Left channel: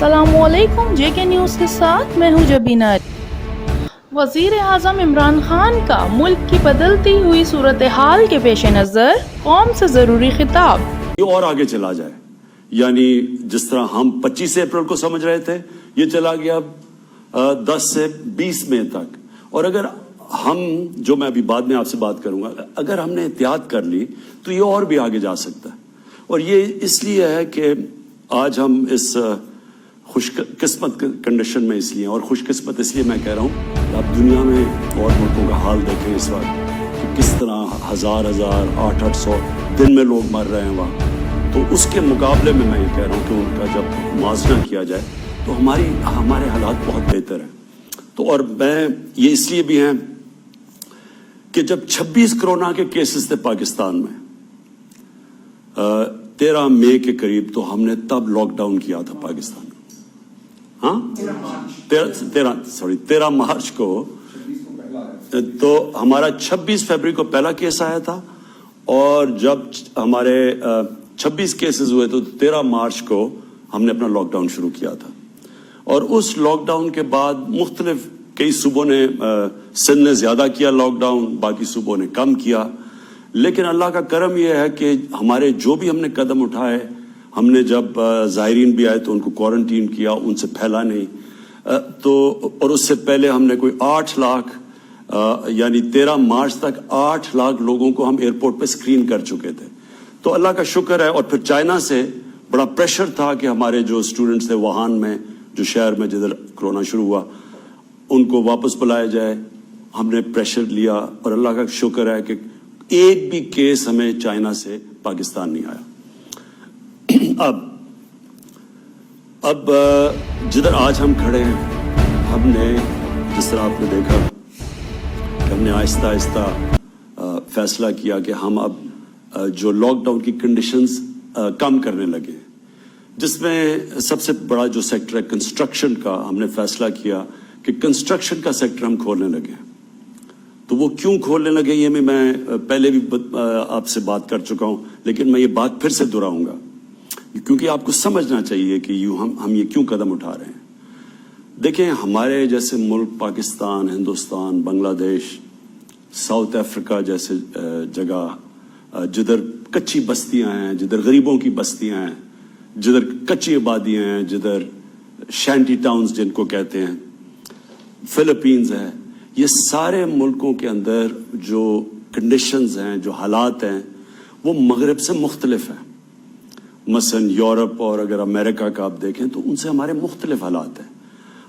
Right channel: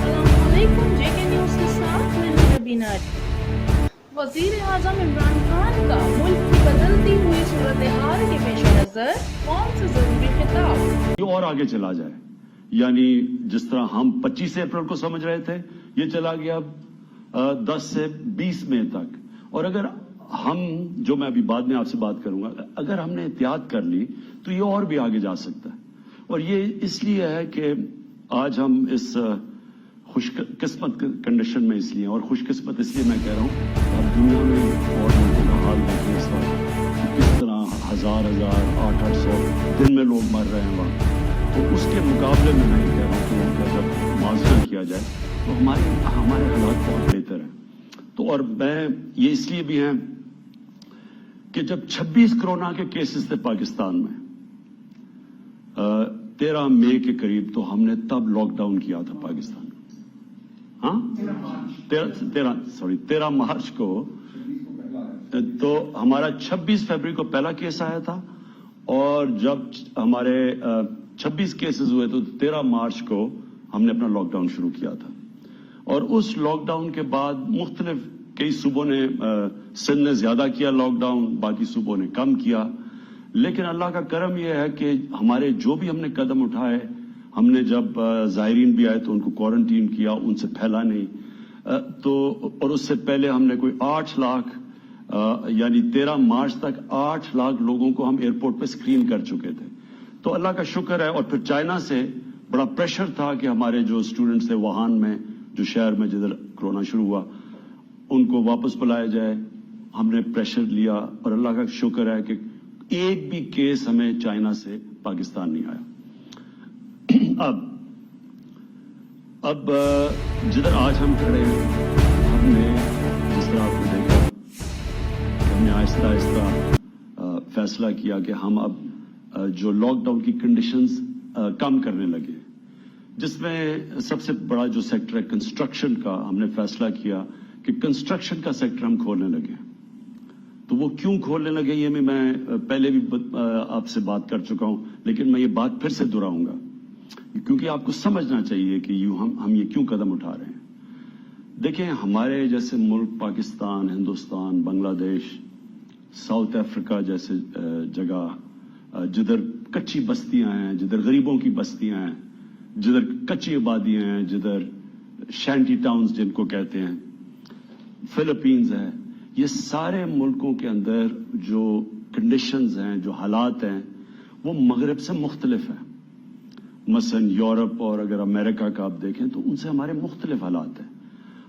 السلام علیکم، جے کے نیوز کے ساتھ میں ہوں جبینہ۔ وزیر اعظم عمران خان کا ملک کی بدلتی ہوئی صورتحال کے پیش نظر قوم سے ضروری خطاب۔ یہ اور آگے چلا جائے، یعنی جس طرح ہم 25 اپریل کو سمجھ رہے تھے، یہ چلا گیا 10 سے 20 مئی تک۔ اور اگر ہم، جو میں ابھی بعد میں آپ سے بات کروں گا، اگر ہم نے احتیاط کر لی تو یہ اور بھی آگے جا سکتا ہے۔ اور یہ اس لیے ہے کہ آج ہم اس خوش قسمت کنڈیشن میں اس لیے، اور خوش قسمت اس لیے میں کہہ رہا ہوں، آپ دنیا میں اور ملکوں کا حال دیکھیں اس وقت کہ کس طرح ہزار 800 دن میں لوگ مر رہے ہیں وہاں۔ تو اس کے مقابلے میں میں یہ کہہ رہا ہوں کہ ان کا جب موازنہ کیا جائے تو ہمارے حالات بہت بہتر ہیں۔ تو اور میں یہ اس لیے بھی ہیں کہ جب 26 کرونا کے کیسز تھے پاکستان میں 13 مئی کے قریب، تو ہم نے تب لاک ڈاؤن کیا تھا پاکستان میں۔ ہاں 13 مارچ کو، تو ہمارا 26 فروری کو پہلا کیس آیا تھا، اور جب ہمارے 26 کیسز ہوئے تو 13 مارچ کو ہم نے اپنا لاک ڈاؤن شروع کیا تھا۔ اور اس لاک ڈاؤن کے بعد مختلف کئی صوبوں نے، سندھ نے زیادہ کیا لاک ڈاؤن، باقی صوبوں نے کم کیا، لیکن اللہ کا کرم یہ ہے کہ ہمارے جو بھی ہم نے قدم اٹھائے، ہم نے جب زائرین بھی آئے تو ان کو کوارنٹین کیا، ان سے پھیلا نہیں، تو اور اس سے پہلے ہم نے کوئی 8 لاکھ یعنی 13 مارچ تک 8 لاکھ لوگوں کو ہم ایئرپورٹ پہ اسکرین کر چکے تھے۔ تو اللہ کا شکر ہے۔ اور پھر چائنا سے بڑا پریشر تھا کہ ہمارے جو اسٹوڈنٹس تھے ووہان میں، جو شہر میں جدھر کرونا شروع ہوا، ان کو واپس بلایا جائے۔ ہم نے پریشر لیا، اور اللہ کا شکر ہے کہ ایک بھی کیس ہمیں چائنا سے پاکستان نہیں آیا۔ اب جدھر آج ہم کھڑے ہیں، ہم نے جس طرح آپ نے دیکھا، ہم نے آہستہ آہستہ فیصلہ کیا کہ ہم اب جو لاک ڈاؤن کی کنڈیشنز کم کرنے لگے، جس میں سب سے بڑا جو سیکٹر ہے کنسٹرکشن کا، ہم نے فیصلہ کیا کہ کنسٹرکشن کا سیکٹر ہم کھولنے لگے۔ تو وہ کیوں کھولنے لگے، یہ میں پہلے بھی آپ سے بات کر چکا ہوں، لیکن میں یہ بات پھر سے دہراؤں گا، کیونکہ آپ کو سمجھنا چاہیے کہ ہم یہ کیوں قدم اٹھا رہے ہیں۔ دیکھیں، ہمارے جیسے ملک پاکستان، ہندوستان، بنگلہ دیش، ساؤتھ افریقہ جیسے جگہ، جدھر کچی بستیاں ہیں، جدھر غریبوں کی بستیاں ہیں، جدھر کچی آبادیاں ہیں، جدھر شینٹی ٹاؤنز جن کو کہتے ہیں، فلپینز ہے، یہ سارے ملکوں کے اندر جو کنڈیشنز ہیں، جو حالات ہیں، وہ مغرب سے مختلف ہیں۔ مثلا یورپ اور اگر امریکہ کا آپ دیکھیں تو ان سے ہمارے مختلف حالات ہیں۔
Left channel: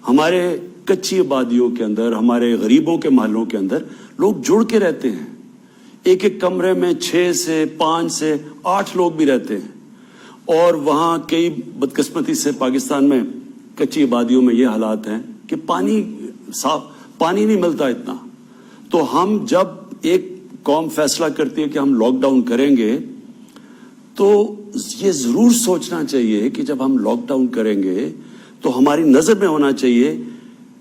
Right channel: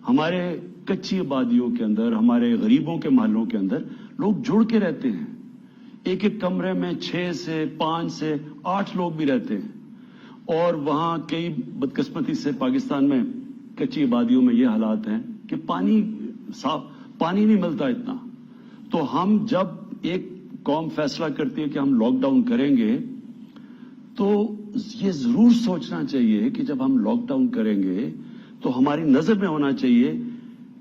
ہمارے کچی آبادیوں کے اندر، ہمارے غریبوں کے محلوں کے اندر لوگ جڑ کے رہتے ہیں، ایک ایک کمرے میں 6 سے 5 سے 8 لوگ بھی رہتے ہیں۔ اور وہاں کئی بدقسمتی سے پاکستان میں کچی آبادیوں میں یہ حالات ہیں کہ صاف پانی نہیں ملتا اتنا۔ تو ہم جب ایک قوم فیصلہ کرتی ہے کہ ہم لاک ڈاؤن کریں گے، تو یہ ضرور سوچنا چاہیے کہ جب ہم لاک ڈاؤن کریں گے تو ہماری نظر میں ہونا چاہیے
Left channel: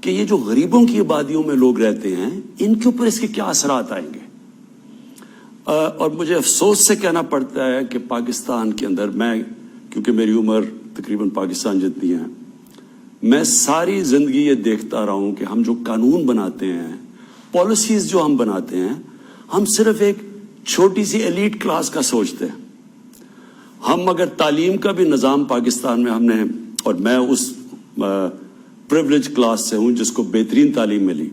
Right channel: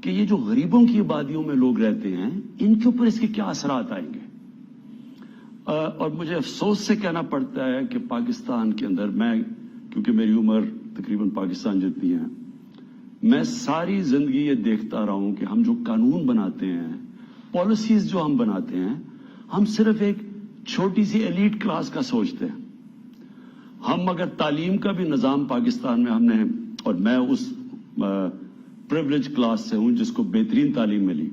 کہ یہ جو غریبوں کی آبادیوں میں لوگ رہتے ہیں، ان کے اوپر اس کے کیا اثرات آئیں گے۔ اور مجھے افسوس سے کہنا پڑتا ہے کہ پاکستان کے اندر، میں کیونکہ میری عمر تقریباً پاکستان جتنی ہے، میں ساری زندگی یہ دیکھتا رہا ہوں کہ ہم جو قانون بناتے ہیں، پالیسیز جو ہم بناتے ہیں، ہم صرف ایک چھوٹی سی ایلیٹ کلاس کا سوچتے ہیں۔ ہم اگر تعلیم کا بھی نظام پاکستان میں ہم نے، اور میں اس پریولیج کلاس سے ہوں جس کو بہترین تعلیم ملی،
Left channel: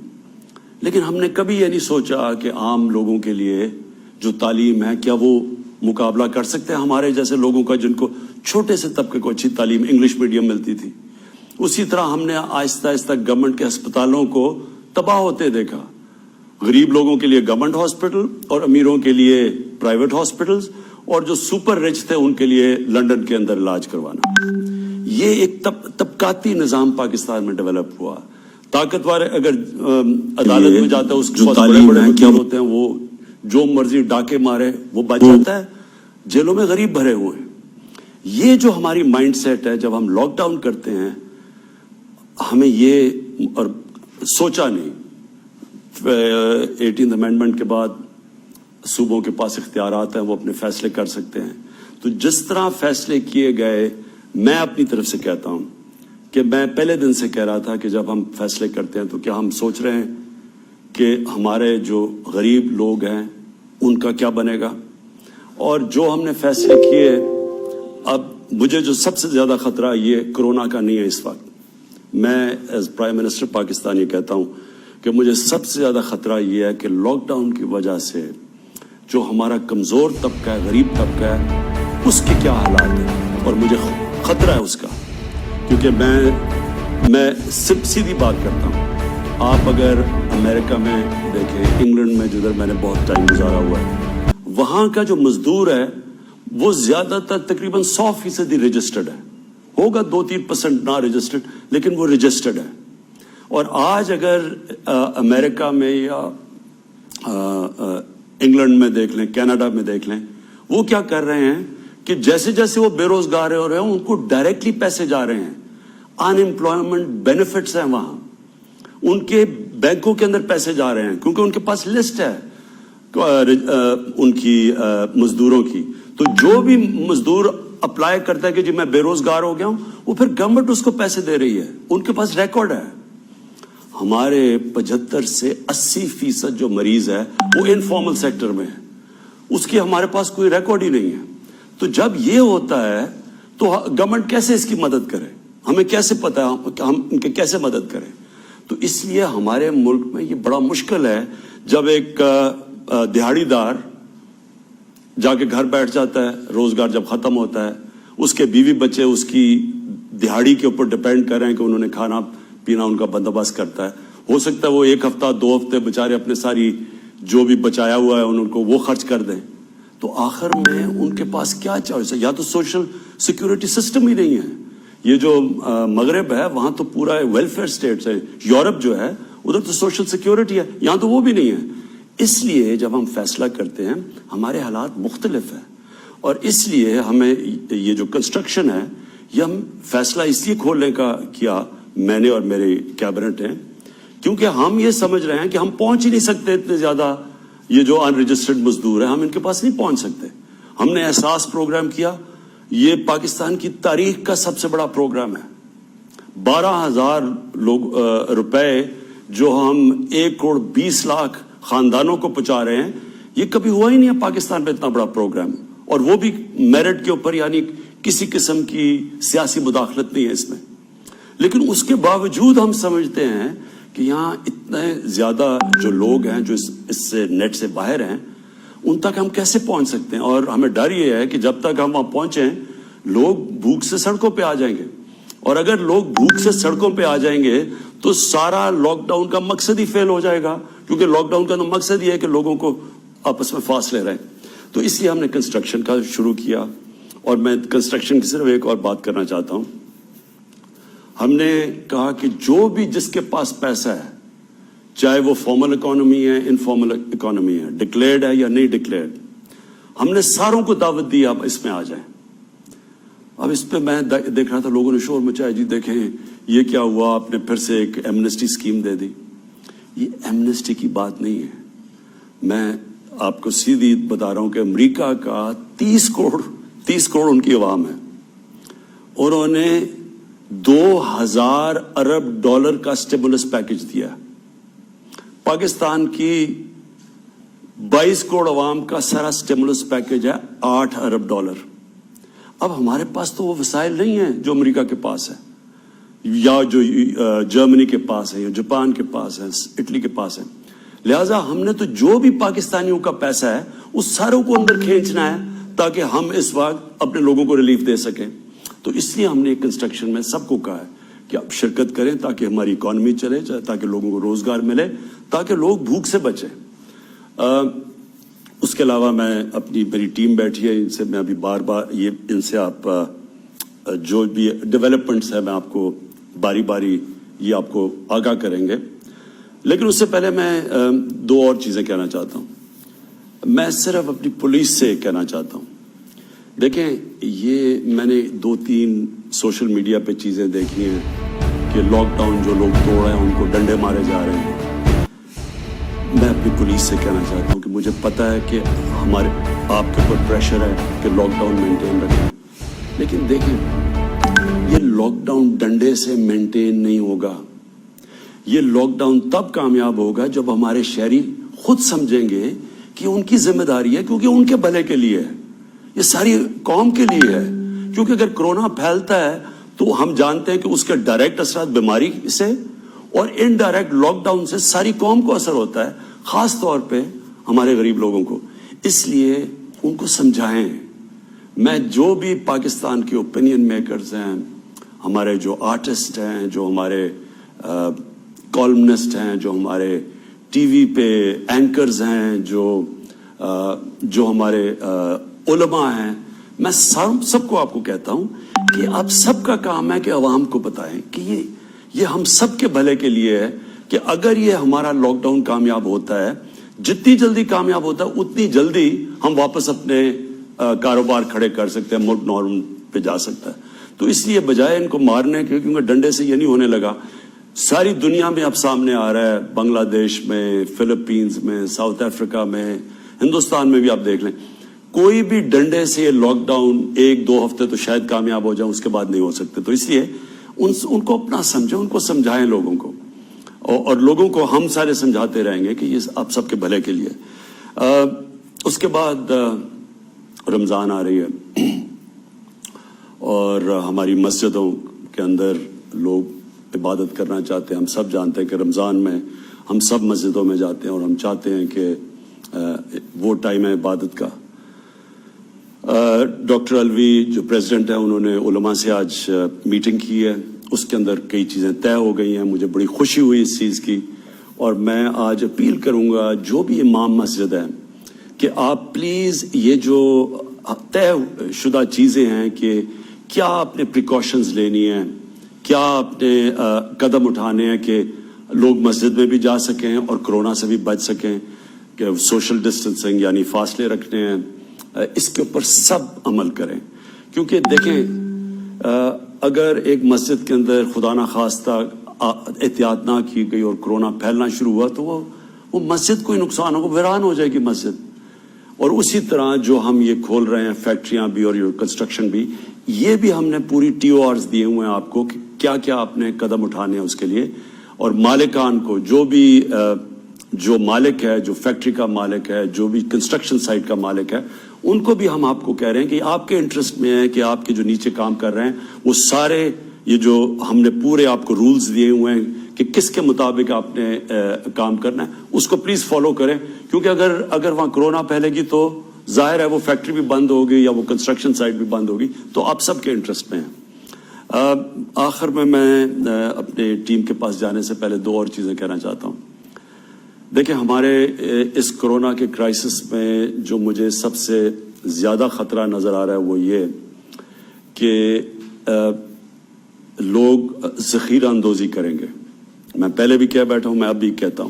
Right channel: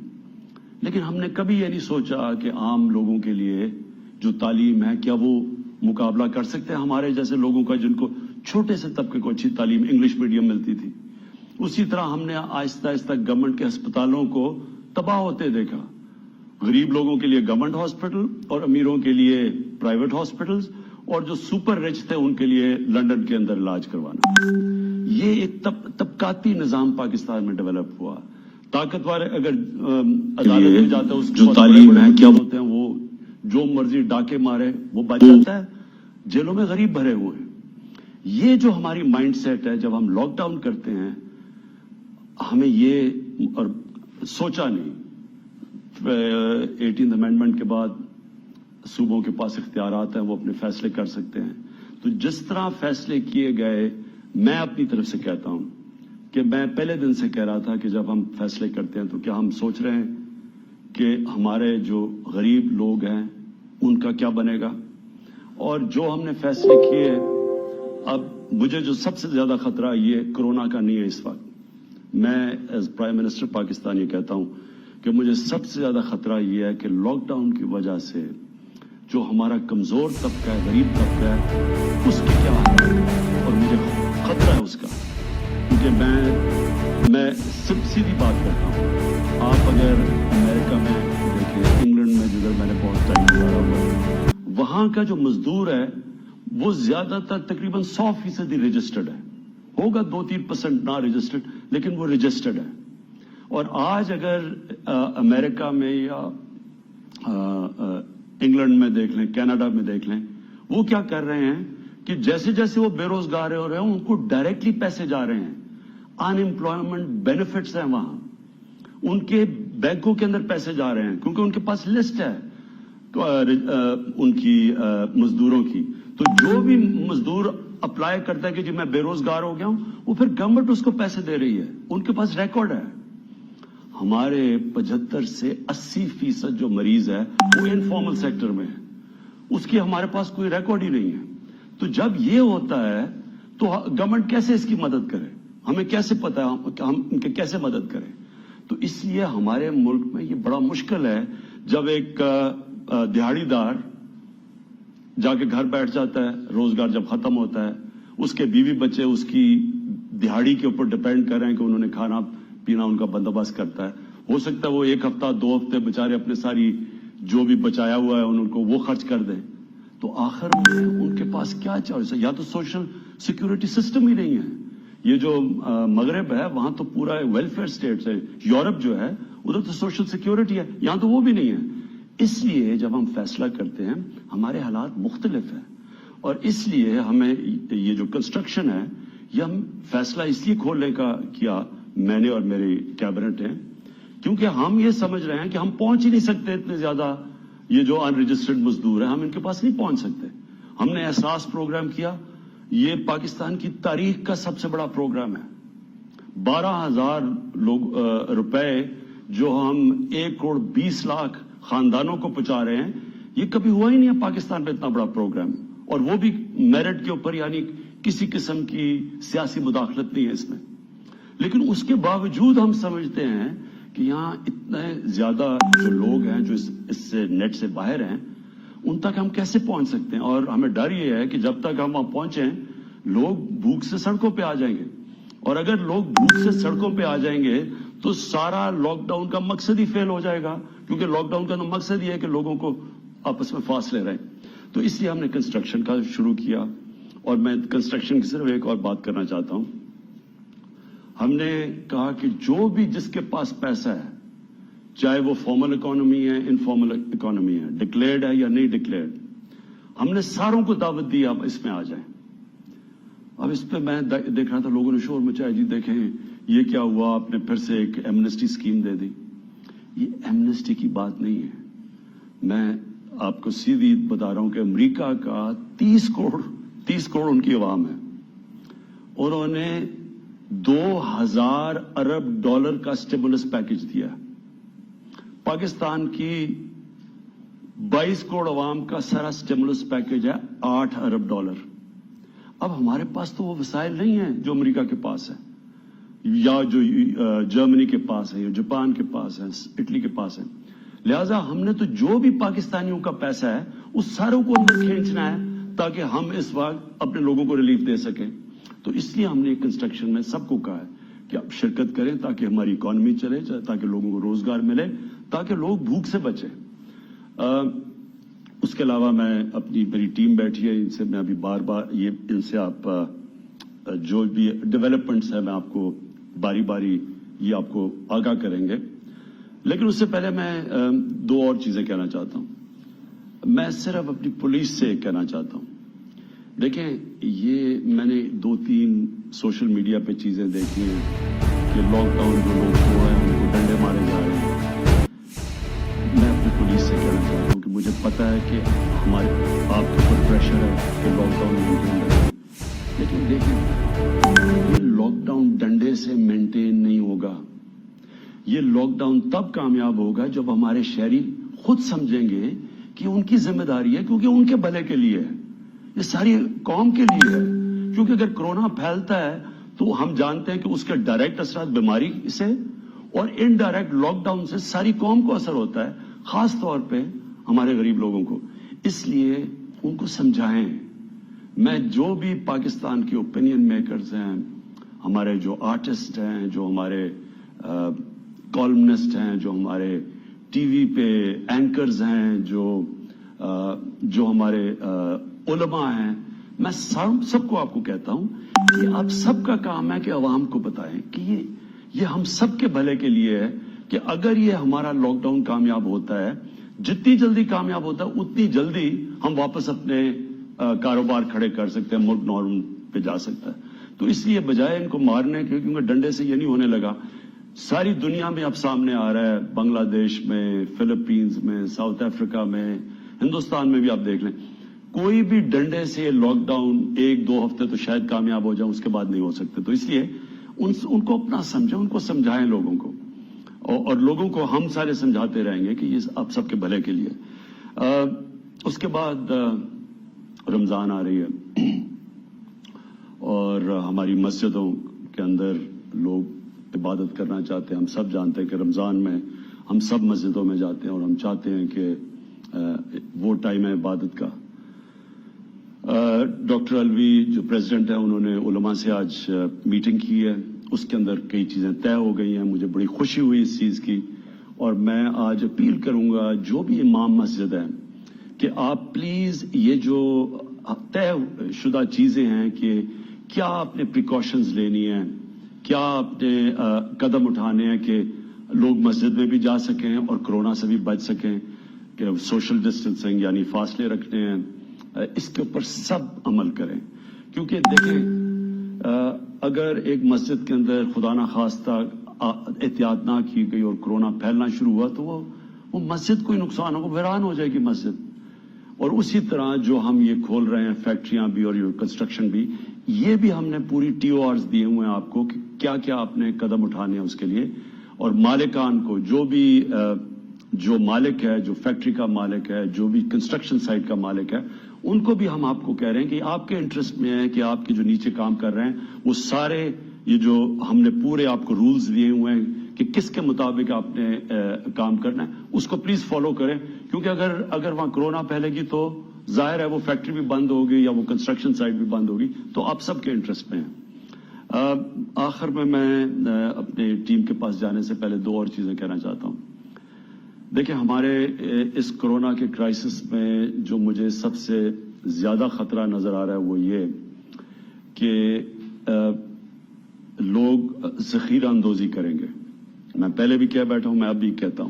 لیکن ہم نے کبھی یہ نہیں سوچا کہ عام لوگوں کے لیے جو تعلیم ہے، کیا وہ مقابلہ کر سکتے ہیں ہمارے جیسے لوگوں کا، جن کو چھوٹے سے طبقے کو اچھی تعلیم انگلش میڈیم ملتی تھی۔ اسی طرح ہم نے آہستہ آہستہ گورنمنٹ کے ہسپتالوں کو تباہ ہوتے دیکھا، غریب لوگوں کے لیے گورنمنٹ ہاسپٹل اور امیروں کے لیے پرائیویٹ ہاسپٹلز، اور جو سپر رچ تھے ان کے لیے لندن کے اندر علاج کروانا۔ یہ ایک طبقاتی نظام پاکستان میں ڈیولپ ہوا۔ طاقتور اگر عدالت میں جاتا ہے، اس کے پاس بڑے بڑے وکیل ہوتے ہیں، وہ جو مرضی ڈاکے مارے وہ بچ جاتا ہے، جیلوں میں غریب بھرے ہوئے ہیں۔ یہ جو ہماری مائنڈ سیٹ ہے، جب ہم لاک ڈاؤن کرتے ہیں، ہمیں یہ اور سوچا نہیں۔ 18 امینڈمنٹ کے بعد صوبوں کے پاس اختیارات ہیں، وہ اپنے فیصلے کر سکتے ہیں۔ تو جس طرح فیصلے کیے گئے، میں اپنی طرف سے کہتا ہوں کہ میں پہلے دن سے کہہ رہا تھا کہ جب ہم فیصلے کرتے ہیں تو کیا ہم سوچ رہے ہیں کہ ہمارے جو غریب لوگ ہیں ان کا کیا بنے گا. اور جو ہم نے فیصلے کیے، اب مجھے جو سب سے زیادہ خطرہ یہ کرونا کا نہیں ہے اس وقت. میں ایز پرائم منسٹر پاکستان یہ کہتا ہوں کہ مجھے سب سے زیادہ خطرہ یہ ہے کہ لاک ڈاؤن کی وجہ سے جو ہمارا کمزور طبقہ ہے، غریب طبقہ ہے، اس کے کیا حالات ہیں. اور مجھے خطرہ ہے اس کا، کیونکہ میں صرف سیدھی بات کرتا ہوں. آپ اگر امریکہ میں دیکھیں، انگلینڈ میں جدھر میں نے بہت ٹائم گزارا ہوا ہے، وہاں کا جو مزدور ہے وہ زیادہ تر تقریباً 100% رجسٹرڈ ہے. ہوگا 2-3% نہ رجسٹرڈ، لیکن وہ رجسٹرڈ ہے. اور آج اگر امریکہ میں یا انگلینڈ میں دیکھ لیں، کینیڈا میں دیکھ لیں، وہ کیا کر رہے ہیں کہ جیسے جیسے وہ بے روزگار ہو رہے ہیں ان کو ڈائریکٹلی پیسے جا رہے ہیں. ان امپلائمنٹ بینیفٹس ہیں وہاں، ان کے بینکوں کے اندر پیسے جا رہے ہیں کیونکہ ان کے پاس لسٹ ہے ان کی مزدوروں کی. تو جو بھی مزدور اپلائی کرتا ہے کہ جی میں بے روزگار ہو گیا ہوں، وہ پھر گورنمنٹ اس کو پیسے دے رہی ہے. ان کے پاس ریکارڈ ہے. ہمارے 75 سے 80% جو مریض ہے وہ انفارمل سیکٹر میں ہے، اس کی ہمارے پاس کوئی ریکارڈ ہی نہیں ہے. تو جب یہ ہوتا ہے تو گورنمنٹ کیسے اس کی مدد کرے؟ ہمیں کیسے پتا ہم ان کی کیسے مدد کریں؟ تو اس لیے ہمارے ملک میں یہ بڑا مشکل ہے جب ایک دہاڑی دار جا کے گھر بیٹھ جاتا ہے، روزگار جب ختم ہوتا ہے، اس کے بیوی بچے اس کی دہاڑی کے اوپر ڈپینڈ کر رہے ہیں کہ انہوں نے کھانا پینا ان کا بندوبست کرتا ہے. ہو سکتا ہے وہ 1 ہفتہ 2 ہفتے بےچارے اپنے ساری جو بھی بچایا ہوا ہے ان کو وہ خرچ کر دیں. تو آخر میں ان کے پاس کیا چوائس ہے؟ یا تو سوشل سیکورٹی سسٹم ہی نہیں ہے. یہ جو مغرب ہے وہاں تو پورا ویلفیئر اسٹیٹس ہے. یورپ جو ہے ادھر تو سوشل سیکورٹی ہے، یہاں تو وہ بھی نہیں ہے. اس لیے جب ہم فیصلہ کرتے ہیں ہمارے حالات مختلف ہیں. اور اس لیے ہمیں یہ جو کنسٹرکشن ہے یہ ہم فیصلہ اس لیے کھولنے کا کیا، میں نے اور میری کیبنٹ ہیں، کیونکہ ہم یہ سمجھ رہے ہیں کہ ہم پہنچ ہی نہیں سکتے اتنے زیادہ. یہ جو ان رجسٹرڈ مزدور ہیں ہم ان کے پاس نہیں پہنچ سکتے. ہم نے احساس پروگرام کیا، یہ پاکستان کی تاریخ کا سب سے بڑا پروگرام ہے. 12,000 روپے جو ہم 1,20,00,000 خاندانوں کو پہنچا رہے ہیں، یہ کبھی ہوا ہی نہیں ہے پاکستان میں اتنا بڑا پروگرام. اور وہ بھی میرٹ کے اوپر، یعنی کسی قسم کی سیاسی مداخلت نہیں ہے اس میں. لیکن اس کے باوجود ہم سمجھتے ہیں کہ یہاں اتنے زیادہ جو لوگ ہیں جو اس سے نیٹ سے باہر ہیں، ان تک ہم کیسے پہنچ سکتے ہیں. اور ہمیں ڈر یہ ہے کہ جب تک ہم وہاں پہنچیں لوگ بھوک سے سڑکوں پہ آ جائیں گے. اور اگر لوگ بھوک سے سڑکوں پہ آ جائیں گے تو سارا لاک ڈاؤن کا مقصد ہی فیل ہو جائے گا، کیونکہ لاک ڈاؤن کا تو مقصد یہ ہے کہ لوگوں کو آپس میں فاصلے رہیں. تو اس لیے ہم نے کنسٹرکشن کا شروع کیا. اور میں کنسٹرکشن کی صرف ایک اور بات کرنا چاہتا ہوں. ہم نے کہا کہ جو بھی جس کے پاس پیسہ ہے، چاہے وہ فارمل اکانومی ہے، انفارمل اکانومی ہے، ڈکلیئرڈ ہے یا نہیں ڈکلیئرڈ، ہم نے ساروں کو دعوت دی آپ اس میں آ جائیں. اب اس پہ میں دیکھ رہا تھا لوگوں نے شور مچایا، جی دیکھیں یہ کیا ہوا، آپ نے پھر سے ایک ایمنسٹی اسکیم دے دی. یہ ایمنسٹی کی بات نہیں ہے. میں آپ کو سیدھی بتا رہا ہوں کہ امریکہ کا 30 کروڑ ان کی عوام ہے. انہوں نے $2,000 ارب کا اسٹیمولس پیکج دیا. پاکستان کی 22 کروڑ عوام کا سارا اسٹیمولس پیکج ہے $8 ارب. اب ہمارے پاس تو وہ وسائل نہیں ہیں جو امریکہ کے پاس ہے، یا جو جرمنی کے پاس ہے، یا جاپان کے پاس ہے، اٹلی کے پاس ہے. لہٰذا ہم نے تو جو بھی پاکستانیوں کا پیسہ ہے اس ساروں کو اندر کھینچنا ہے تاکہ ہم اس وقت اپنے لوگوں کو ریلیف دے سکیں. تو اس لیے ہم نے کنسٹرکشن میں سب کو کہا ہے کہ آپ شرکت کریں تاکہ ہماری اکانومی چلے، تاکہ لوگوں کو روزگار ملے، تاکہ لوگ بھوک سے بچیں. اس کے علاوہ میں اپنی میری ٹیم بیٹھی ہے، ان سے میں ابھی بار بار ان سے آپ جو بھی ڈیولپمنٹس ہیں میں آپ کو باری باری یہ آپ کو آگاہ کریں گے. لیکن اس سے پہلے میں 2 اور چیزیں کہنا چاہتا ہوں. میں صرف اپنی پولیس سے کہنا چاہتا ہوں. دیکھیں یہ میں نے 2-3 سوشل میڈیا پہ چیزیں دیکھی ہیں کہ لاک ڈاؤن جو لوگ توڑ رہے ہیں ان کو ڈنڈے مارے جا رہے ہیں. میں اپنی پولیس سے کہنا چاہتا ہوں کہ مجھے پتا ہے کہ ہمارے آپ کے اوپر پریشر ہے کہ لاک ڈاؤن مینٹین رکھیں، لیکن دیکھیں یہ لاک ڈاؤن ڈنڈے سے مینٹین نہیں ہوگا. یہ لاک ڈاؤن تب کامیاب ہوگا جب ہمارے شہری خود سمجھیں گے کہ ان کی ذمہ داری ہے, کیونکہ ان کے بھلے کے لیے ہے, یہ ساری قوم کے لیے ہے. کیونکہ اگر کرونا پھیلتا ہے تو ہم جانتے ہیں کہ اس کے ڈائریکٹ اثرات بیماری سے اور انڈائریکٹ لاک ڈاؤن سے ساری قوم کو اثر ہوتا ہے, خاص طور پہ ہمارے غریب لوگوں کو. اس لیے ان کو سمجھائیں. میں جو بھی پاکستان کے اوپینین میکرز ہیں, ہمارے جو آرٹسٹ ہیں, جو ہمارے کالمنسٹ ہیں, جو ہمارے ٹی وی پہ اینکرز ہیں, جو ہمارے علماء ہیں, میں سب کو آپ کو کہتا ہوں کہ آپ سب کا کام ہے کہ عوام کو بتائیں کہ یہ ہم سب کے بھلے کے لیے ہے کہ اگر یہ ہمارا لاک ڈاؤن کامیاب ہوتا ہے, جتنی جلدی کامیاب ہوتا ہے اتنی جلدی ہم واپس اپنے کاروبار کھڑے کر سکتے ہیں, ملک نارمل پہ جا سکتا ہے. تو اس لیے بجائے ان کو مارنے کے, کیونکہ ڈنڈے سے یہ نہیں ہونے لگا, ساری دنیا میں اب سامنے آ رہا ہے, بنگلہ دیش میں, فلپینز میں, ساؤتھ افریقہ میں, ہندوستان میں بھی آپ دیکھ لیں, کوئی بھی ڈنڈے سے لاک ڈاؤن 1-2 ہفتے تو شاید کامیاب ہو جائیں, اس کے بعد نہیں ہو سکتے. تو اس لیے ان کو اپنا سمجھیں, ان کو سمجھائیں لوگوں کو, اور لوگوں کو ہم سارے سمجھاتے رہیں گے کہ یہ آپ سب کے بھلے کے لیے. اس کے بعد رمضان آ رہی ہے اور ہماری مسجدوں کے اندر لوگ عبادت کرنا چاہتے ہیں. ہم سب جانتے ہیں کہ رمضان میں ہم سب مسجدوں میں جاتے ہیں اور ہم چاہتے ہیں کہ وہ ٹائم ہے عبادت کا. ڈاکٹر الوی جو پریزیڈنٹ ہیں, انہوں نے علماء سے آج میٹنگ کی ہے, اس کے اندر کئی چیزیں طے ہو گئی ہیں. مجھے بڑی خوشی ہوئی اس چیز کی, اور میں آج اپیل کروں گا جو بھی امام مسجد ہیں کہ آپ پلیز یہ جو طے شدہ چیزیں ہیں کہ کیا آپ نے پریکاشنز لینی ہیں, کیا آپ نے قدم اٹھانے ہیں کہ لوگ مسجد میں بھی جا سکیں اور کرونا سے بھی بچ سکیں, کہ سوشل ڈسٹینسنگ یعنی فاصلے رکھنے ہیں, اس کے اوپر سب عمل کریں. کیونکہ دیکھیں اگر ایک مسجد کے اندر خدا نخواستہ احتیاط نہ کی گئی اور کرونا پھیلنا شروع ہوا تو وہ مسجد کو ہی نقصان ہوگا, ویران ہو جائے گی مسجد. اور اسی طرح جو ہم یہ کھول رہے ہیں فیکٹریاں بھی اور کنسٹرکشن بھی, یہ بھی ہم نے پوری TORs دیے ہوئے ہیں آپ کو کہ کیا کیا آپ نے قدم اٹھانے ہیں اس کے لیے. اور مالکان کو, جو مالک ہے, جو فیکٹری کا مالک ہے, جو بھی کنسٹرکشن سائٹ کا مالک ہے, ان کو بھی ہم آپ کو کہہ رہے ہیں کہ آپ کے انٹرسٹ میں ہے کہ آپ کے جو نیچے کام کر رہے ہیں وہ سارے یہ جو ہم نے پورے آپ کو رولز دیے ہوئے ہیں کہ کس کے مطابق آپ نے کام کرنا ہے, اس کو پلیز فالو کریں. کیونکہ اگر وہاں کرونا پھیلے گی تو ظاہر ہے وہ فیکٹری بھی بند ہوگی یا وہ کنسٹرکشن سائٹ بھی بند ہوگی, تو آپ سب کے انٹرسٹ میں ہیں. آخر میں اپنے ٹیم کے پاس جانے سے پہلے 2 اور چیزیں کہنا چاہتا ہوں. دیکھیں ہمارے اس کرونا کے کرائسس میں جو مجھے سب سے زیادہ خطرہ نظر آ رہا ہے وہ یہ کہ لوگ ذخیرہ اندوزی کریں گے. میں پہلے بھی کہہ بیٹھا ہوں, میں اب بھی کہتا ہوں,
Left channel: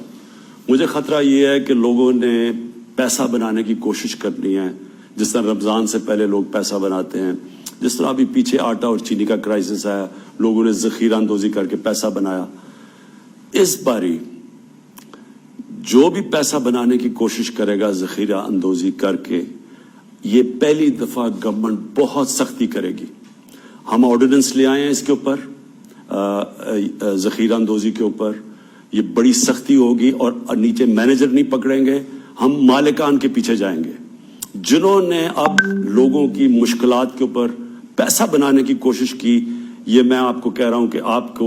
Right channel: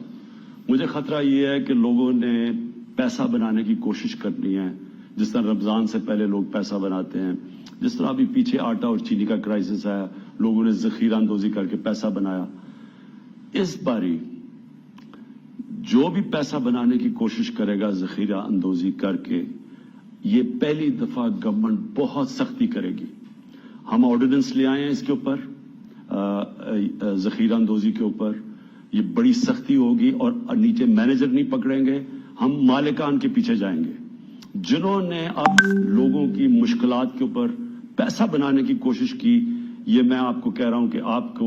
مجھے خطرہ یہ ہے کہ لوگوں نے پیسہ بنانے کی کوشش کرنی ہے, جس طرح رمضان سے پہلے لوگ پیسہ بناتے ہیں, جس طرح ابھی پیچھے آٹا اور چینی کا کرائسس آیا, لوگوں نے ذخیرہ اندوزی کر کے پیسہ بنایا. اس باری جو بھی پیسہ بنانے کی کوشش کرے گا ذخیرہ اندوزی کر کے, یہ پہلی دفعہ گورنمنٹ بہت سختی کرے گی. ہم آرڈیننس لے آئے ہیں اس کے اوپر, ذخیرہ اندوزی کے اوپر, یہ بڑی سختی ہوگی اور نیچے مینیجر نہیں پکڑیں گے, ہم مالکان کے پیچھے جائیں گے جنہوں نے اب لوگوں کی مشکلات کے اوپر پیسہ بنانے کی کوشش کی. یہ میں آپ کو کہہ رہا ہوں کہ آپ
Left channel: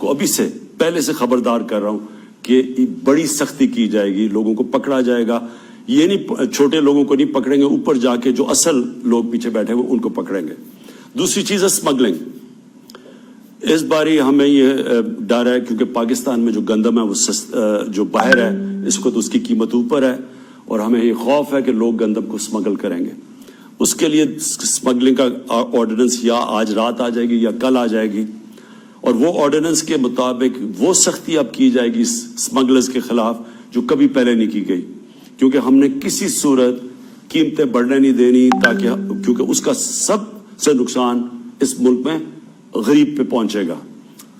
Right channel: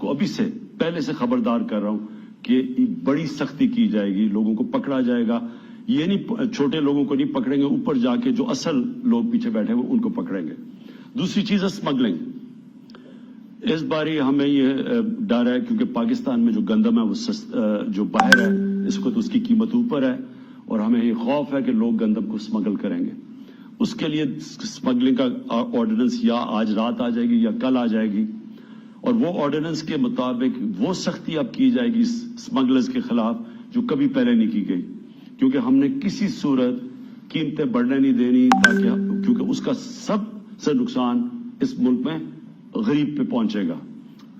کو ابھی سے پہلے سے خبردار کر رہا ہوں کہ بڑی سختی کی جائے گی, لوگوں کو پکڑا جائے گا. یہ نہیں, چھوٹے لوگوں کو نہیں پکڑیں گے, اوپر جا کے جو اصل لوگ پیچھے بیٹھے ہوئے ان کو پکڑیں گے. دوسری چیز ہے اسمگلنگ. اس باری ہمیں یہ ڈر ہے کیونکہ پاکستان میں جو گندم ہے وہ جو باہر ہے اس کو تو اس کی قیمت اوپر ہے, اور ہمیں یہ خوف ہے کہ لوگ گندم کو اسمگل کریں گے. اس کے لیے اسمگلنگ کا آرڈیننس یا آج رات آ جائے گی یا کل آ جائے گی, اور وہ آرڈیننس کے مطابق وہ سختی اب کی جائے گی اسمگلرز کے خلاف جو کبھی پہلے نہیں کی گئی. کیونکہ ہم نے کسی صورت قیمتیں بڑھنے نہیں دینی, تاکہ کیونکہ اس کا سب سے نقصان اس ملک میں غریب پہ پہنچے گا.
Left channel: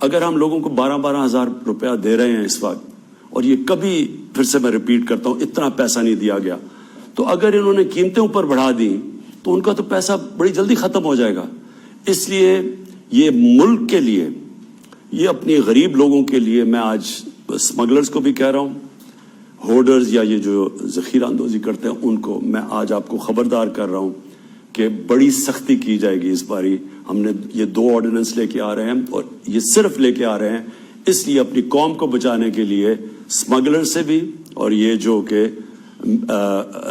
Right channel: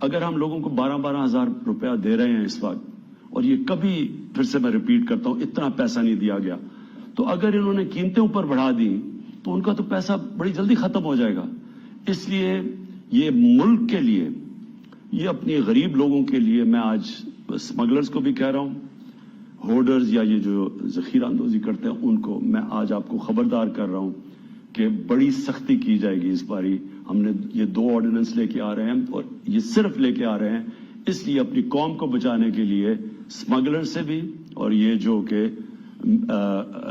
اگر ہم لوگوں کو 12-12 ہزار روپیہ دے رہے ہیں اس وقت, اور یہ کبھی پھر سے میں ریپیٹ کرتا ہوں اتنا پیسہ نہیں دیا گیا, تو اگر انہوں نے قیمتیں اوپر بڑھا دی تو ان کا تو پیسہ بڑی جلدی ختم ہو جائے گا. اس لیے یہ ملک کے لیے یہ اپنے غریب لوگوں کے لیے میں آج اسمگلرز کو بھی کہہ رہا ہوں, ہولڈرز یا یہ جو ذخیرہ اندوزی کرتے ہیں ان کو میں آج آپ کو خبردار کر رہا ہوں کہ بڑی سختی کی جائے گی اس باری. ہم نے یہ 2 آرڈیننس لے کے آ رہے ہیں, اور یہ صرف لے کے آ رہے ہیں اس لیے اپنی قوم کو بچانے کے لیے, اسمگلر سے بھی اور یہ جو کہ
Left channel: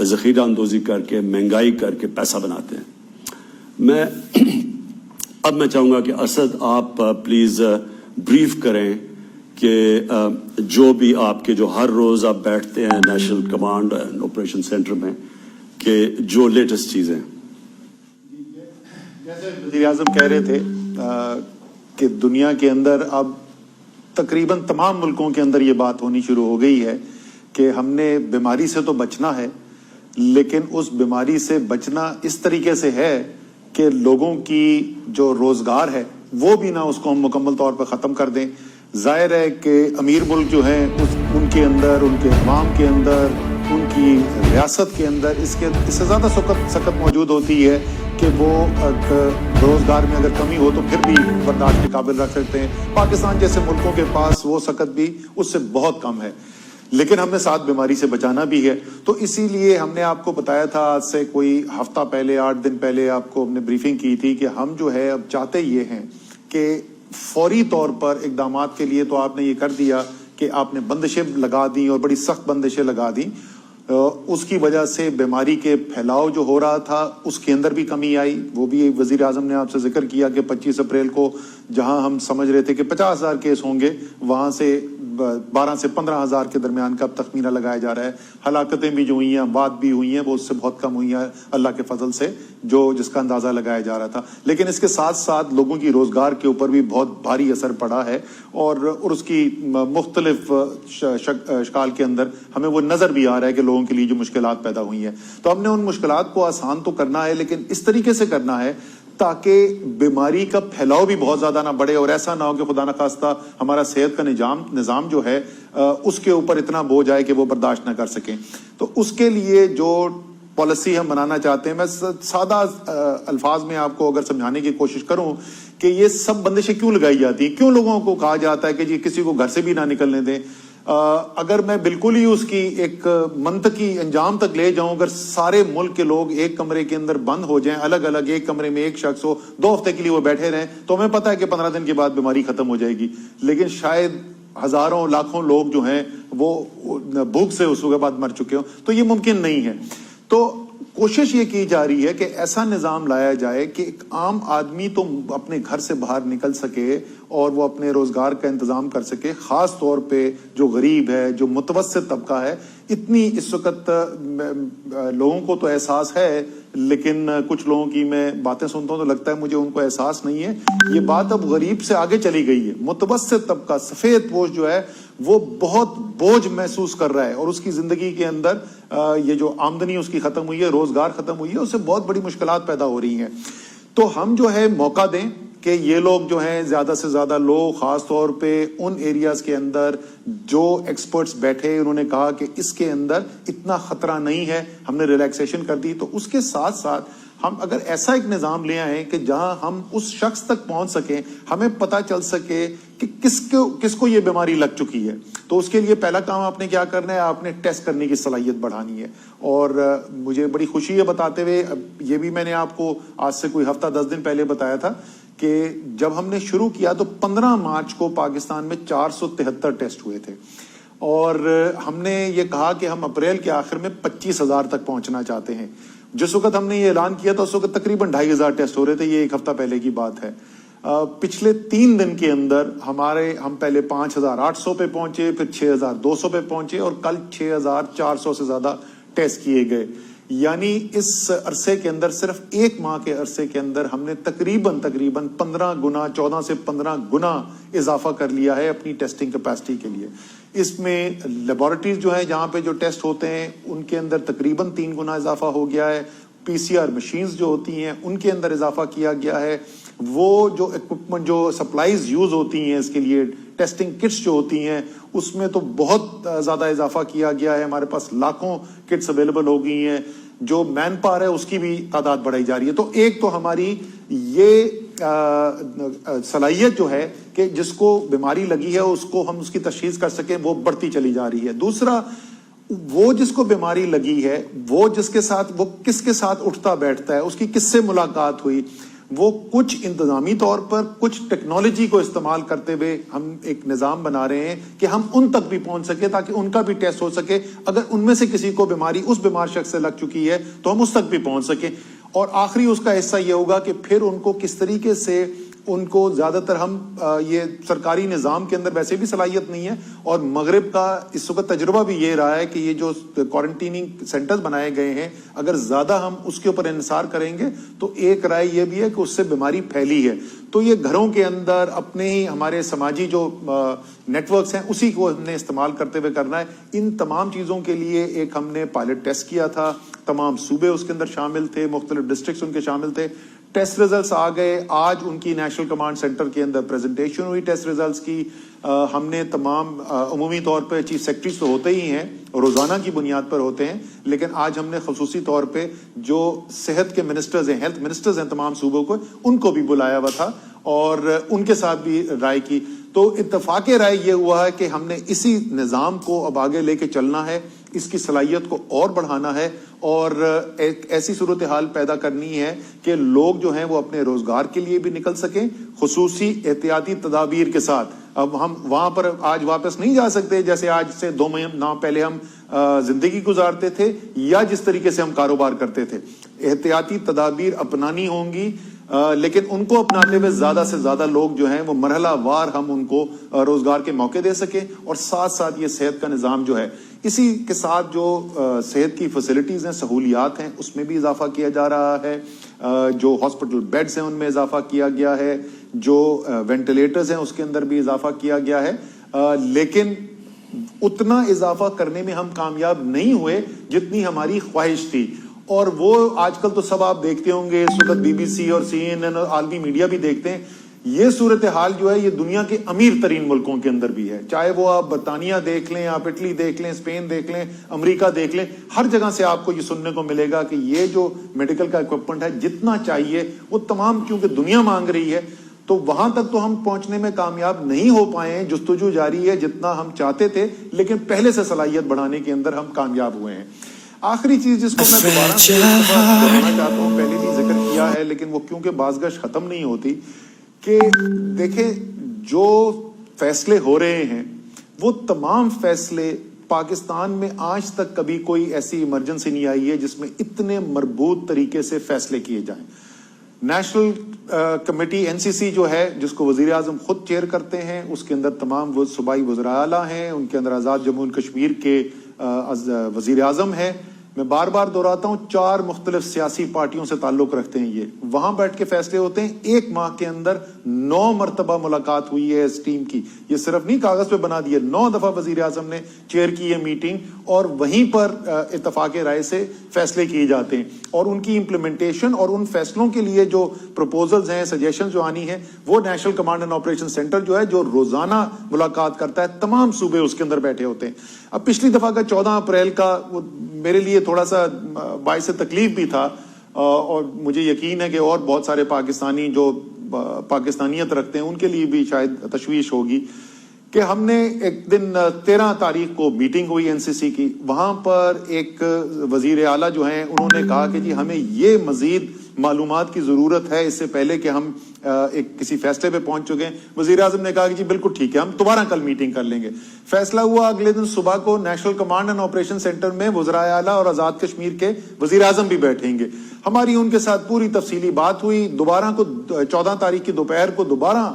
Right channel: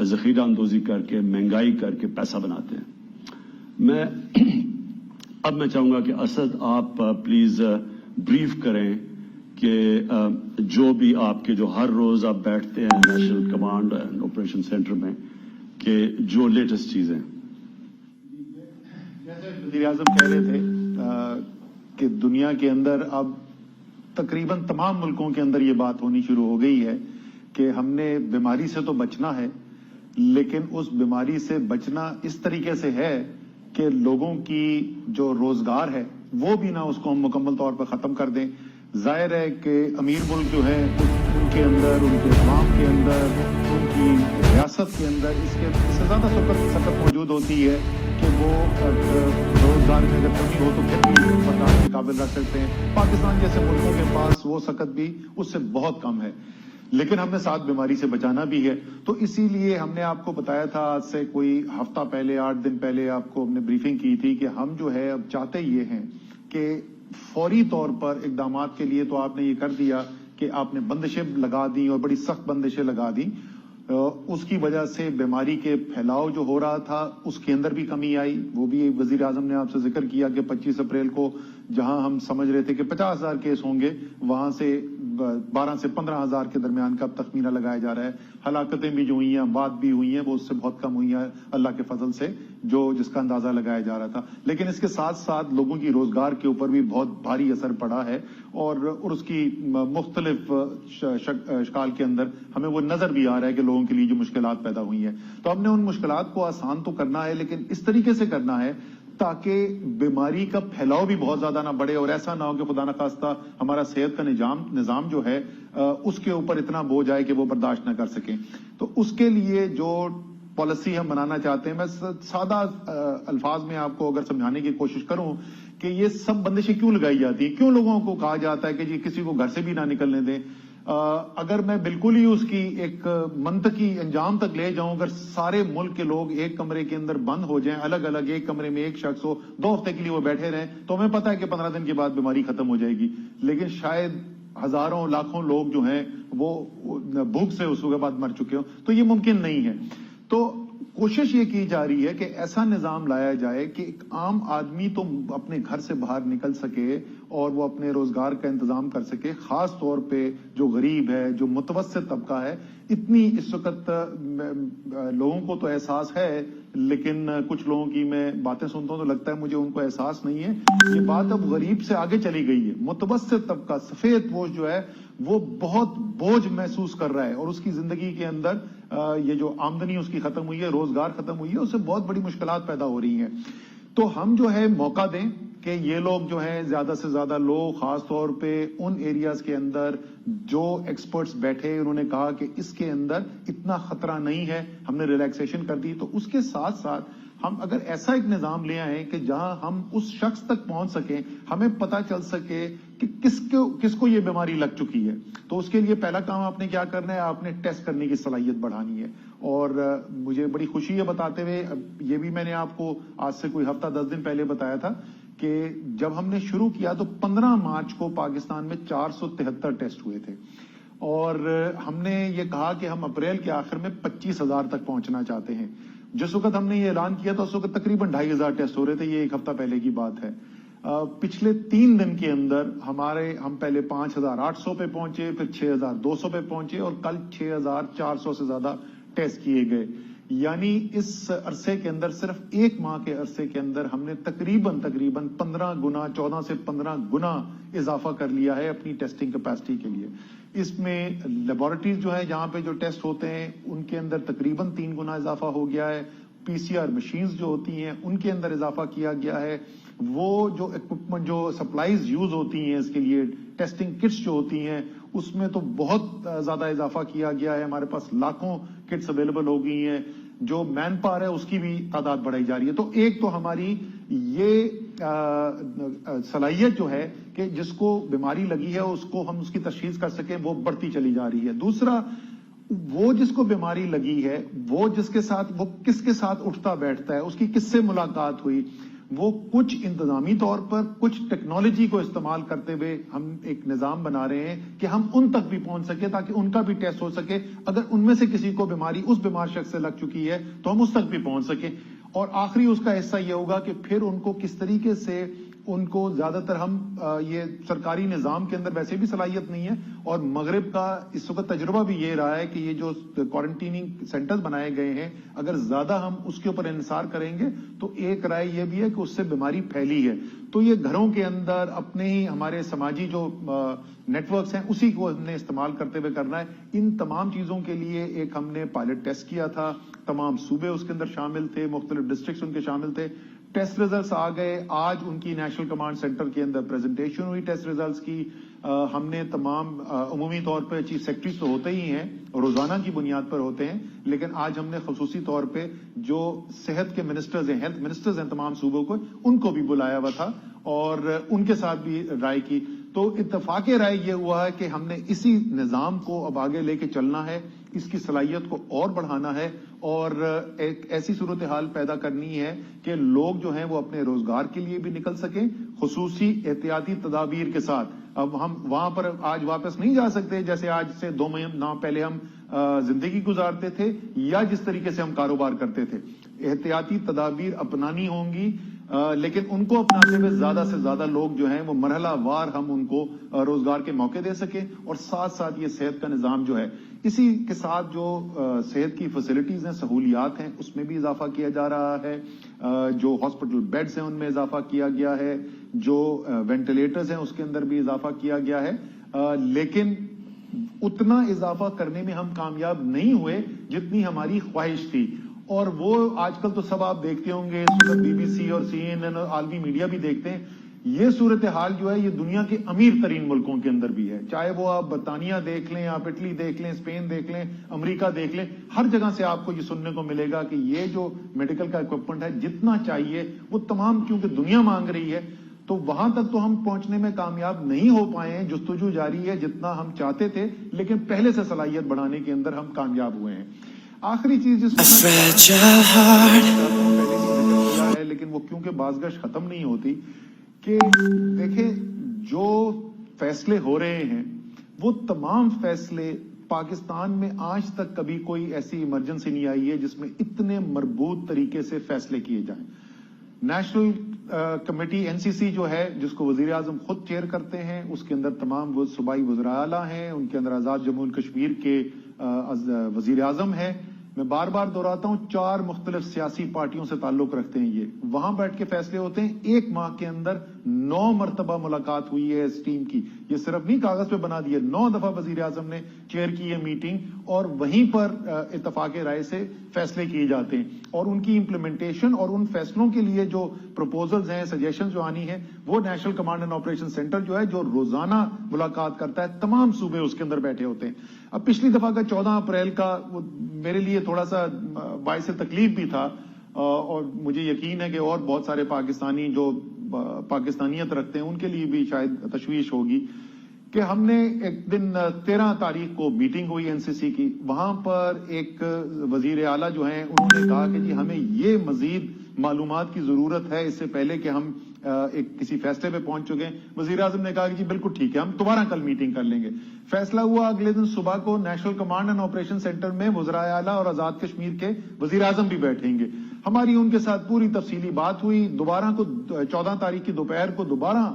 ذخیرہ اندوزی کر کے مہنگائی کر کے پیسہ بناتے ہیں. اب میں چاہوں گا کہ اسد آپ پلیز بریف کریں کہ جو بھی آپ کے جو ہر روز آپ بیٹھتے ہیں national command and operation centre میں, کہ جو لیٹسٹ چیزیں. جیسے وزیر اعظم کہہ رہے تھے کہ دنیا کے اندر اب تقریباً تمام ملکوں کے اندر یہ بات ہونی شروع ہو گئی ہے کہ ہم نے بیماری سے تو بچنا ہے, لیکن اس بیماری سے بچنا اس طریقے سے ہے کہ لوگوں کی جو روزگار ہے وہ بھی نہ اس کو ہم مکمل طور پر ختم کر دیں. ظاہر ہے کہ امیر ملک جو ہیں ان کے اندر, ان کے عوام کے اندر, ان کی ریاست کے اندر اس سے زیادہ سخت موجود ہوتی ہے کہ وہ روزگار میں اگر کمی ہو تو پھر بھی برداشت کے قابل رکھ سکتے ہیں. پاکستان جیسے ملکوں کے پاس وہ سخت بھی اس سے بہت کم ہے, لیکن ہم نے ساتھ بیماری سے بچانا بھی ہے. تو اسی لیے ہم نے آپ کو بتایا تھا آج سے کوئی ہفتہ پہلے, 8 دن پہلے آپ کو ہم نے بریفنگ کی تھی کہ ہم جو ہے اب چاہتے یہ ہیں کہ فوری طور پر اقدامات کے لیے تو آپ نے یہ کر دیا کہ آپ نے بندشیں لگا دی اور بڑی سخت بندشیں لگا دی. اس کی وجہ سے بیماری کے پھیلاؤ جو ہو رہا تھا اس کے اندر بھی کمی آئی. وہ بھی وزیر اعظم نے آپ سے ذکر کیا کہ 25 اپریل کو جہاں ہم سمجھ رہے تھے کہ 50,000 کیس ہوں گے, وہاں سے 12 سے 15,000 کے درمیان کا تخمینہ لگایا جا رہا ہے. ہلاکتیں بھی جو ہوئی ہیں, اموات بھی ہوئی ہیں, وہ اس سے بہت کم ہوئی ہیں اللہ کے فضل سے, جس کا اندازہ لگایا جا رہا تھا. لیکن اس کے ساتھ ساتھ لوگوں کی روزگار کے اوپر بھی بہت بھاری اثر پڑا ہے, اور اس کی مختلف اشکال کے اندر ہمیں وہ نظر بھی آ رہا ہے کہ لوگوں کے لیے جو مشکلات پیدا ہوئی ہیں. تو ہم نے ان مشکلات کو آسان تو کرنا ہے, لیکن اس طریقے سے کرنا ہے تاکہ بیماری کا پھیلاؤ بھی بہت زیادہ نہ بڑھے, اور ایسا نہ ہو کہ خدا نخواستہ ہمارا صحت کا نظام جو ہے اس کے اوپر اتنا بوجھ آئے کہ وہ برداشت نہ کر سکیں. تو اس کے لیے جو پالیسی ہم بنانا چاہتے ہیں, میں سادہ الفاظ میں آپ کو اگر سمجھانے کی کوشش کروں کہ یہ سب بندشیں کیوں لگائی جاتی ہیں, کیوں لوگوں کو کہا جاتا ہے کہ جی کسی کو گھر سے بھی نہ نکلنے دیں. اگر میں بالکل ہی اس کی ایک منطقی انجام تک لے جاؤں, اگر سارے ملک کے لوگ ایک کمرے کے اندر بند ہو جائیں, الگ الگ ایک کمرے میں ایک شخص ہو, 2 ہفتے کے لیے وہ بیٹھے رہیں, تو ہمیں پتہ ہے کہ 15 دن کے بعد بیماری ختم ہو جائے گی. لیکن شاید ہزاروں لاکھوں لوگ جو ہیں وہ بھوک سے اس کے بعد مر چکے ہوں, تو یہ ممکن نہیں ہے. تو کوشش یہ کی جا رہی ہے کہ ایسا نظام لایا جائے کہ ایک عام آدمی تو اپنے گھر سے باہر نکل سکے اور وہ اپنے روزگار کا انتظام کر سکے. خاص طور پہ جو غریب ہے, جو متوسط طبقہ ہے, اتنی اس وقت لوگوں کو تو احساس ہے, لیکن کچھ لوگوں کی میں باتیں سنتا ہوں تو لگتا ہے مجھے ان کو احساس نہیں ہے. یہ بات اب غریب سے آگے چلی گئی ہے. متوسط طبقہ, سفید پوش جو ہے, وہ بہت بوجھ محسوس کر رہا ہے, اور اس کی زندگی کے اندر یہ جو آمدنی اس کی ختم ہوئی ہے, روزگار ختم ہوئی ہے, اس سے بہت بڑی مشکلات پیدا ہو رہی ہیں. تو ہم جو ہے موقع دیں کہ یہ لوگ جو ہیں زیادہ سے زیادہ لوگ, خاص طور پہ ان ایریاز کے اندر جو ایکسپرٹس بیٹھے, انہوں نے کہا کہ اس کے اندر اتنا خطرہ نہیں ہے, ہم نے ریلیکسیشن کر دی. تو اس کے ساتھ ساتھ ہم اگر ایسا ایک نظام لے آئیں کہ جہاں ہم اس شخص تک پہنچ سکیں, ہمیں پتہ چل سکے کہ کس کو یہ بیماری لگ چکی ہے, تو اس کے لیے پہلا کام آپ نے کیا کرنا ہے, آپ نے ٹیسٹ کرنے کی صلاحیت بڑھانی ہے. اور مجھے بڑی خوشی ہے بتاتے ہوئے, یہ بھی میں نے آپ کو آج سے کوئی ہفتہ 10 دن پہلے بتایا تھا کہ جب ہم نے شروع کیا تو 15 مارچ کو پاکستان میں 473 ٹیسٹ ہوئے تھے, اور ہم نے یہ کہا کہ ہم اپریل کے آخر میں 25,000 تک پہنچنا چاہتے ہیں. جس وقت ہم نے یہ اعلان کیا تھا اس وقت تقریباً 2,500 ٹیسٹ ہو رہے تھے. یہ 1 ہفتہ پہلے کی بات ہے. پچھلے 3 دن کے اندر ہم پہلے 5,800 پہ پہنچے, پھر 6,200 پہ پہنچے, اور کل 6,400 سے زیادہ ٹیسٹ کیے گئے. یعنی اس عرصے کے اندر, صرف 1 ماہ کے عرصے کے اندر ہم نے تقریباً 15 گنا, 14 سے 15 گنا اضافہ کر لیا ہے اپنی ٹیسٹنگ کیپیسٹی کے لیے. اس میں لیبارٹریز جو ہیں جہاں پہ جو ٹیسٹ ہوتے ہیں ان کے اندر تقریباً 3 گنا اضافہ ہو گیا ہے. PCR مشینز جو ہوتی ہیں ان کے اندر اضافہ کیا گیا ہے. وہ جو اکوپمنٹ, جو سپلائیز یوز ہوتی ہیں اس کے لیے, ٹیسٹنگ کٹس جو ہوتی ہیں, اس میں تو بہت زیادہ اضافہ کیا گیا ہے. ہمارے پاس لاکھوں کٹس اویلیبل ہو گئی ہیں. جو مین پاور ہے اس کی بھی تعداد بڑھائی جا رہی ہے. تو ایک تو ہماری یہ صلاحیت جو ہے کہ جس کو بیماری لگی ہے اس کو ہم اس کی تشخیص کر سکیں وہ بڑھتی چلی جا رہی ہے. دوسرا وہ جس کو بیماری لگی ہے وہ جس کے ساتھ وہ کس کے ساتھ اٹھتا بیٹھتا ہے, اس کی کس سے ملاقات ہوئی, وہ کچھ انتظامی طور پر کچھ ٹیکنالوجی کو استعمال کرتے ہوئے ہم ایک نظام بنا رہے ہیں کہ ہم ان تک بھی پہنچ سکے تاکہ ان کا بھی ٹیسٹ ہو سکے. اگر ان میں سے کسی کو بیماری اس بیمار شخص سے لگ چکی ہے تو ہم اس تک بھی پہنچ سکیں. اور آخری اس کا حصہ یہ ہوگا کہ پھر ان کو کس طریقے سے ان کو زیادہ تر ہم یہ سرکاری نظام کے اندر ویسے بھی صلاحیت نہیں ہے, اور مغرب کا اس وقت تجربہ بھی یہ رہا ہے کہ یہ جو کوارنٹیننگ سینٹرز بنائے گئے ہیں اگر زیادہ ہم اس کے اوپر انحصار کریں گے تو ایک رائے یہ بھی ہے کہ اس سے بیماری پھیلی ہے. تو یہ گھروں کے اندر اپنے ہی ہمارے سماجی جو نیٹ ورکس ہیں اسی کو ہم نے استعمال کرتے ہوئے کرنا ہے. ان تمام چیزوں کے لیے ایک ہم نے پائلٹ ٹیسٹ کیا تھا, تمام صوبے اس کے اندر شامل تھے, مختلف ڈسٹرکٹس ان کے شامل تھے. ٹیسٹ ریزلٹس آ گئے, آج ان کی نیشنل کمانڈ سینٹر کے اندر پریزنٹیشن ہوئی ٹیسٹ ریزلٹس کی. ہم نے تمام عمومی طور پہ چیف سیکرٹریز تو ہوتے ہی ہیں, روزانہ کی بنیاد پر ہوتے ہیں, لیکن آج ہم نے خصوصی طور پہ جو صحت کے منسٹرز ہیں, ہیلتھ منسٹرز ہیں تمام صوبوں کو, ان کو بھی بلایا ہوا تھا اور ان کے ساتھ بھی رائے کی. تو اتفاق رائے یہ ہوا ہے کہ ہم نے اسی نظام کو اب آگے لے کے چلنا ہے, اس کی صلاحیت کو اور بڑھانا ہے اور ایک ایسی صورتحال پیدا کرنی ہے کہ لوگ جو ہیں وہ اپنے روزگار کے لیے بھی نکل سکیں خصوصی احتیاطی تدابیر کے ساتھ. اب ہم وہاں پر آج واپس نہیں جا سکتے جیسے آج سے 2 مہینہ پہلے ہم زندگی گزارتے تھے یا جس طریقے سے ہم کاروبار کرتے تھے. احتیاطی تدابیر اپنانی ہوں گی, لیکن ان کو اپناتے ہوئے زیادہ سے زیادہ لوگ جو ہیں وہ مرحلہ وار ہم ان کو روزگار کے موقع دے سکیں, اور ساتھ ساتھ یہ صحت کا نظام جو ہے اسی کے ساتھ جو صحت کی فیسلٹیز ہیں, سہولیات ہیں, اس میں بھی اضافہ کیا جا رہا ہے. جو ہاسپٹل بیڈز ہیں ان میں اضافہ کیا گیا ہے, جو وینٹیلیٹرز ہیں اس کے اندر بھی اضافہ کیا گیا ہے. لیکن اتنا اضافہ کرنے میں ہم کامیاب نہیں ہوئے جتنی ہماری خواہش تھی. اور وہ آج کل تو سب آپ دیکھتے ہوں گے, اس وقت BBC اور CNN اور عالمی میڈیا بھی دیکھتے ہیں. یہ صورتحال جو ہے یہ دنیا کے امیر ترین ملکوں کے اندر بھی ہے, چاہے وہ آپ برطانیہ دیکھ لیں, آپ اٹلی دیکھ لیں, اسپین دیکھ لیں, امریکہ دیکھ لیں, ہر جگہ سے آپ کو یہ سننے کو ملے گا کہ یہ جو میڈیکل کا اکوپمنٹ ہے جتنا چاہیے وہ تمام, کیونکہ دنیا مانگ رہی ہے, تو وہاں تک تو ہم پہنچنے میں کامیاب نہیں ہو پائے. جستجو جاری ہے جتنا ہم چاہتے تھے, لیکن پہلے سے صلاحیت بڑھانے کے اندر ہم کامیاب ہوئے ہیں. آخری چیز جس کو پہلے بھی ذکر کیا ہے لیکن وہ کیونکہ بازگشت ختم نہیں ہوتی, کہ دیکھیں جو فیصلے ہو رہے ہیں وہ تمام فیصلے پاکستان میں آج تک کبھی کوئی ایسی ایمرجنسی نہیں آئی ہے جس میں اتنے مربوط طریقے سے فیصلے کیے جائیں. نیشنل کمیٹی NCC جو ہے جس کو وزیر اعظم خود چیئر کرتے ہیں, اس کے اندر تمام وہ صوبائی وزراء اعلیٰ ہیں, ان کے اندر آزاد جموں کشمیر کے وزیر اعظم ہے. میں بار بار دہراتا ہوں 4 مختلف سیاسی پارٹیوں سے تعلق رکھتے ہیں, یہ وہاں بیٹھ کے فیصلے ہوتے ہیں. 1 ماہ کے اندر 9 مرتبہ ملاقات ہوئی ہے اس ٹیم کی, یہ صرف نہیں کاغذ پہ بنا دیا, 9 دفعہ وزیر اعظم نے چیئر کی ہے میٹنگ, اور وہیں پر اتفاق رائے سے فیصلے کیے جاتے ہیں. اور ان کی امپلیمنٹیشن اور ان فیصلوں کے لیے جو پروپوزلز ہیں, سجیشن جو آنی ہے, وہ national command and operation centre جو ہے جو روزانہ ملاقات کرتا ہے, تمام صوبے اس کے اندر بیٹھے ہوتے ہیں. اب پچھلی دفعہ کا 14 اپریل کا وہ میرے لیے تھوڑا سا باعث تکلیف بھی تھا, اور مجھے یقین ہے کہ اور بہت سارے پاکستانی جو پاکستانیت رکھتے ہیں ان کے لیے بھی شاید تشویش ہوگی, کہ ہم نے ایک دن 13 تاریخ کو میٹنگ ہوئی NCC کی. وہاں پر ایک وزیر اعلیٰ جو ہیں انہوں نے کہا کہ جی ہمیں یہ مزید معلومات کی ضرورت ہے اس سے پہلے کہ ہم ایک کسی فیصلے پہ پہنچ چکے ہیں. وزیر اعظم نے کہا کہ جی بالکل ٹھیک ہے, ہم دوبارہ کل میٹنگ کر لیں گے. فیصلہ ہوا اگلے دن صبح کو national command and operation centre میں وزراء اعلیٰ اور آزاد کشمیر کے وزیر اعظم بھی بیٹھیں گے. ہماری ان کے ساتھ پوری تفصیلی بات ہوئی. دوبارہ کو 14 تاریخ کی دوپہر کو دوبارہ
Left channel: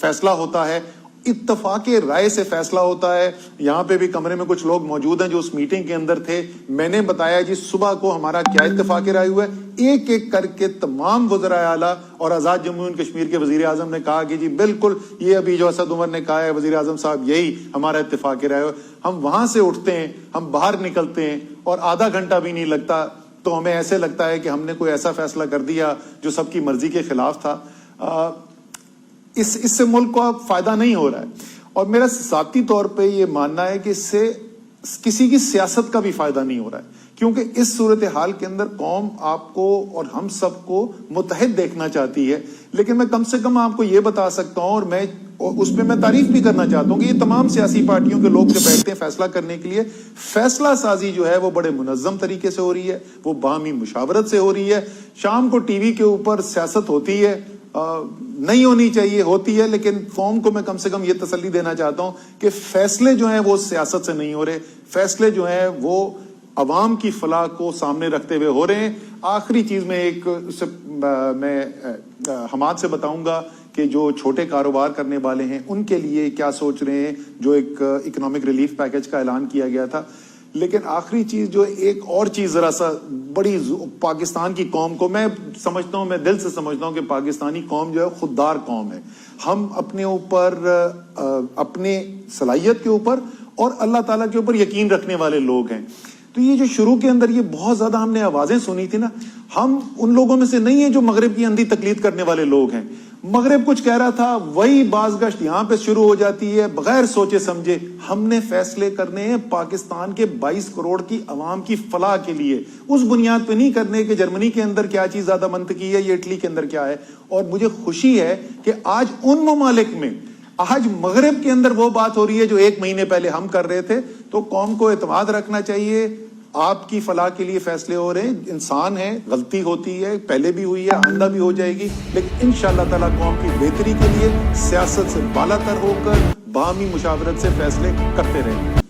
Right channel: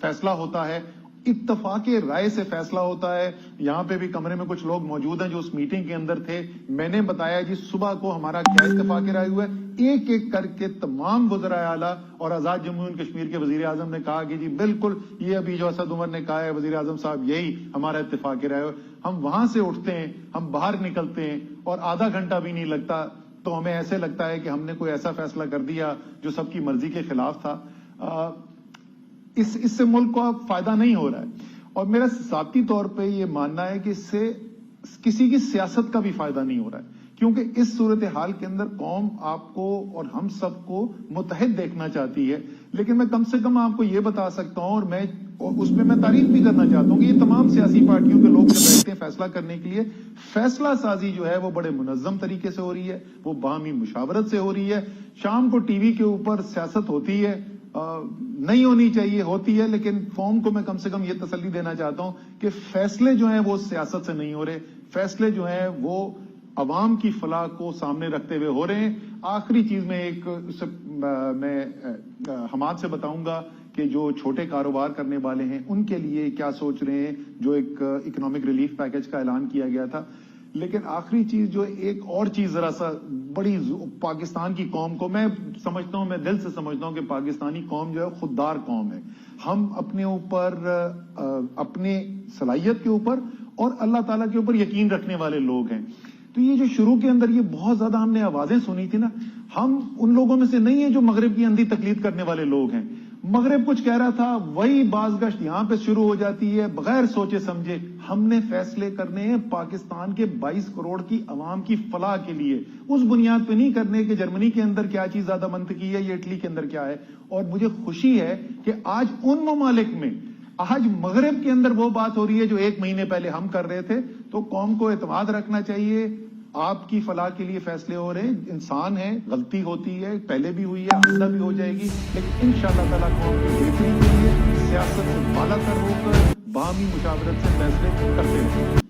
فیصلہ ہوتا ہے, اتفاق رائے سے فیصلہ ہوتا ہے. یہاں پہ بھی کمرے میں کچھ لوگ موجود ہیں جو اس میٹنگ کے اندر تھے. میں نے بتایا جی صبح کو ہمارا کیا اتفاق رائے ہوا ہے. ایک ایک کر کے تمام وزراء اعلیٰ اور آزاد جموں کشمیر کے وزیر اعظم نے کہا کہ جی بالکل یہ ابھی جو اسد عمر نے کہا ہے وزیر اعظم صاحب, یہی ہمارا اتفاق رائے ہوا. ہم وہاں سے اٹھتے ہیں, ہم باہر نکلتے ہیں, اور آدھا گھنٹہ بھی نہیں لگتا تو ہمیں ایسے لگتا ہے کہ ہم نے کوئی ایسا فیصلہ کر دیا جو سب کی مرضی کے خلاف تھا. اس سے ملک کو اب فائدہ نہیں ہو رہا ہے, اور میرا ذاتی طور پہ یہ ماننا ہے کہ اس سے کسی کی سیاست کا بھی فائدہ نہیں ہو رہا ہے, کیونکہ اس صورتحال کے اندر قوم آپ کو اور ہم سب کو متحد دیکھنا چاہتی ہے. لیکن میں کم سے کم آپ کو یہ بتا سکتا ہوں، اور میں اس پہ میں تعریف بھی کرنا چاہتا ہوں کہ یہ تمام سیاسی پارٹیوں کے لوگ جو بیٹھتے ہیں فیصلہ کرنے کے لیے، فیصلہ سازی جو ہے وہ بڑے منظم طریقے سے ہو رہی ہے، وہ باہمی مشاورت سے ہو رہی ہے. شام کو ٹی وی کے اوپر سیاست ہوتی ہے، نہیں ہونی چاہیے، ہوتی ہے، لیکن قوم کو میں کم سے کم یہ تسلی دینا چاہتا ہوں کہ فیصلے جو ہیں وہ سیاست سے نہیں ہو رہے، فیصلے جو ہیں وہ عوام کی فلاح کو سامنے رکھتے ہوئے ہو رہے ہیں. آخری چیز میں حماد سے بتاؤں گا کہ جو چھوٹے کاروبار کرنے والے ہیں ان کے لیے کیا سوچ رہے ہیں، جو ایک اکنامک ریلیف پیکج کا اعلان کیا گیا تھا. لیکن آخری چیز جو ایک اور چیز ذرا سا بڑی پاکستان کی قوم کو میں سمجھتا ہوں، میں دل سے سمجھتا ہوں کہ پاکستانی قوم جو ہے خوددار قوم ہے. ہم اپنے اوپر، اپنے صلاحیت کے اوپر اور اللہ تعالیٰ کے اوپر یقین رکھنے والے لوگ ہیں. تو یہ جو شروع کے اندر یہ بہت زیادہ ہم نے آوازیں سنی تھی نا، ہم ان لوگوں میں سے نہیں ہیں جو مغرب کی اندھی تقلید کرنے والے لوگ ہیں. مغرب کچھ کہہ رہا تھا، وہی باز گشت یہاں پہ شروع ہو جاتی ہے بغیر سوچے سمجھے. ہم نے فیصلے کرنے ہیں پاکستان کے 22 کروڑ کی عوام کی فلاح کے لیے، اس بنیاد پہ نہیں کرنے کہ جرمنی کے اندر کیا چیز زیادہ منطقی ہے یا اٹلی کے اندر کیا ہے. اور مجھے خوشی ہے کہ آج ان ممالک میں، آج مغرب کے اندر وہ بات ہو رہی ہے جو 1 مہینے پہلے ہم کر رہے تھے. تو قوم کو اعتماد رکھنا چاہیے، آپ کی فلاح کے لیے فیصلے ہو رہے ہیں. انسان ہے، غلطی ہوتی ہے، پہلے بھی ہوئی ہے، آئندہ بھی ہو جائے گی، لیکن انشاءاللہ تعالیٰ قوم کی بہتری کے لیے سیاست سے بالا تر ہو کر باہمی مشاورت سے فیصلے کرتے رہیں گے.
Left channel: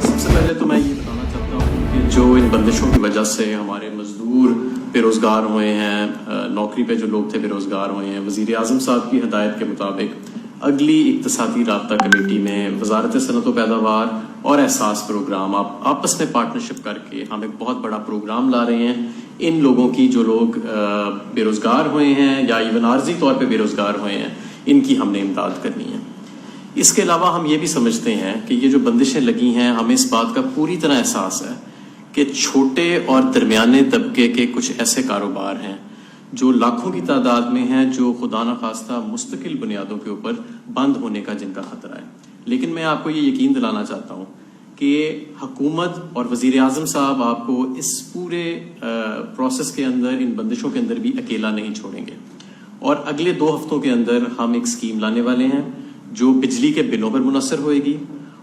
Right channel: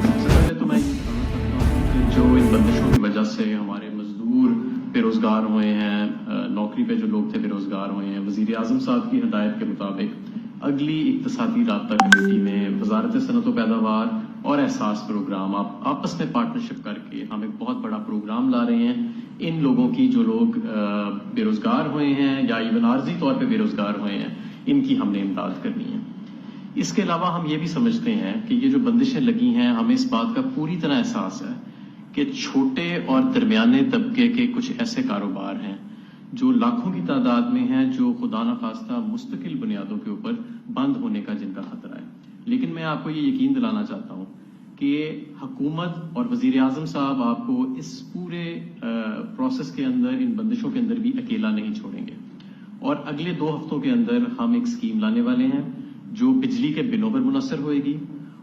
سب سے پہلے تو میں یہ بتانا چاہتا ہوں کہ جو ان بندشوں کی وجہ سے ہمارے مزدور بے روزگار ہوئے ہیں، نوکری پہ جو لوگ تھے بے روزگار ہوئے ہیں، وزیر اعظم صاحب کی ہدایت کے مطابق اگلی اقتصادی رابطہ کمیٹی میں وزارت صنعت و پیداوار اور احساس پروگرام آپس میں پارٹنرشپ کر کے ہم ایک بہت بڑا پروگرام لا رہے ہیں. ان لوگوں کی جو لوگ بے روزگار ہوئے ہیں یا ایون عارضی طور پہ بے روزگار ہوئے ہیں، ان کی ہم نے امداد کرنی ہے. اس کے علاوہ ہم یہ بھی سمجھتے ہیں کہ یہ جو بندشیں لگی ہیں، ہمیں اس بات کا پوری طرح احساس ہے کہ چھوٹے اور درمیانے طبقے کے کچھ ایسے کاروبار ہیں جو لاکھوں کی تعداد میں ہیں، جو خدا نخواستہ مستقل بنیادوں کے اوپر بند ہونے کا جن کا خطرہ ہے. لیکن میں آپ کو یہ یقین دلانا چاہتا ہوں کہ حکومت اور وزیر اعظم صاحب آپ کو اس پورے پروسیس کے اندر، ان بندشوں کے اندر بھی اکیلا نہیں چھوڑیں گے. اور اگلے 2 ہفتوں کے اندر ہم ایک اسکیم لانے والے ہیں جو بجلی کے بلوں پر منحصر ہوئے گی.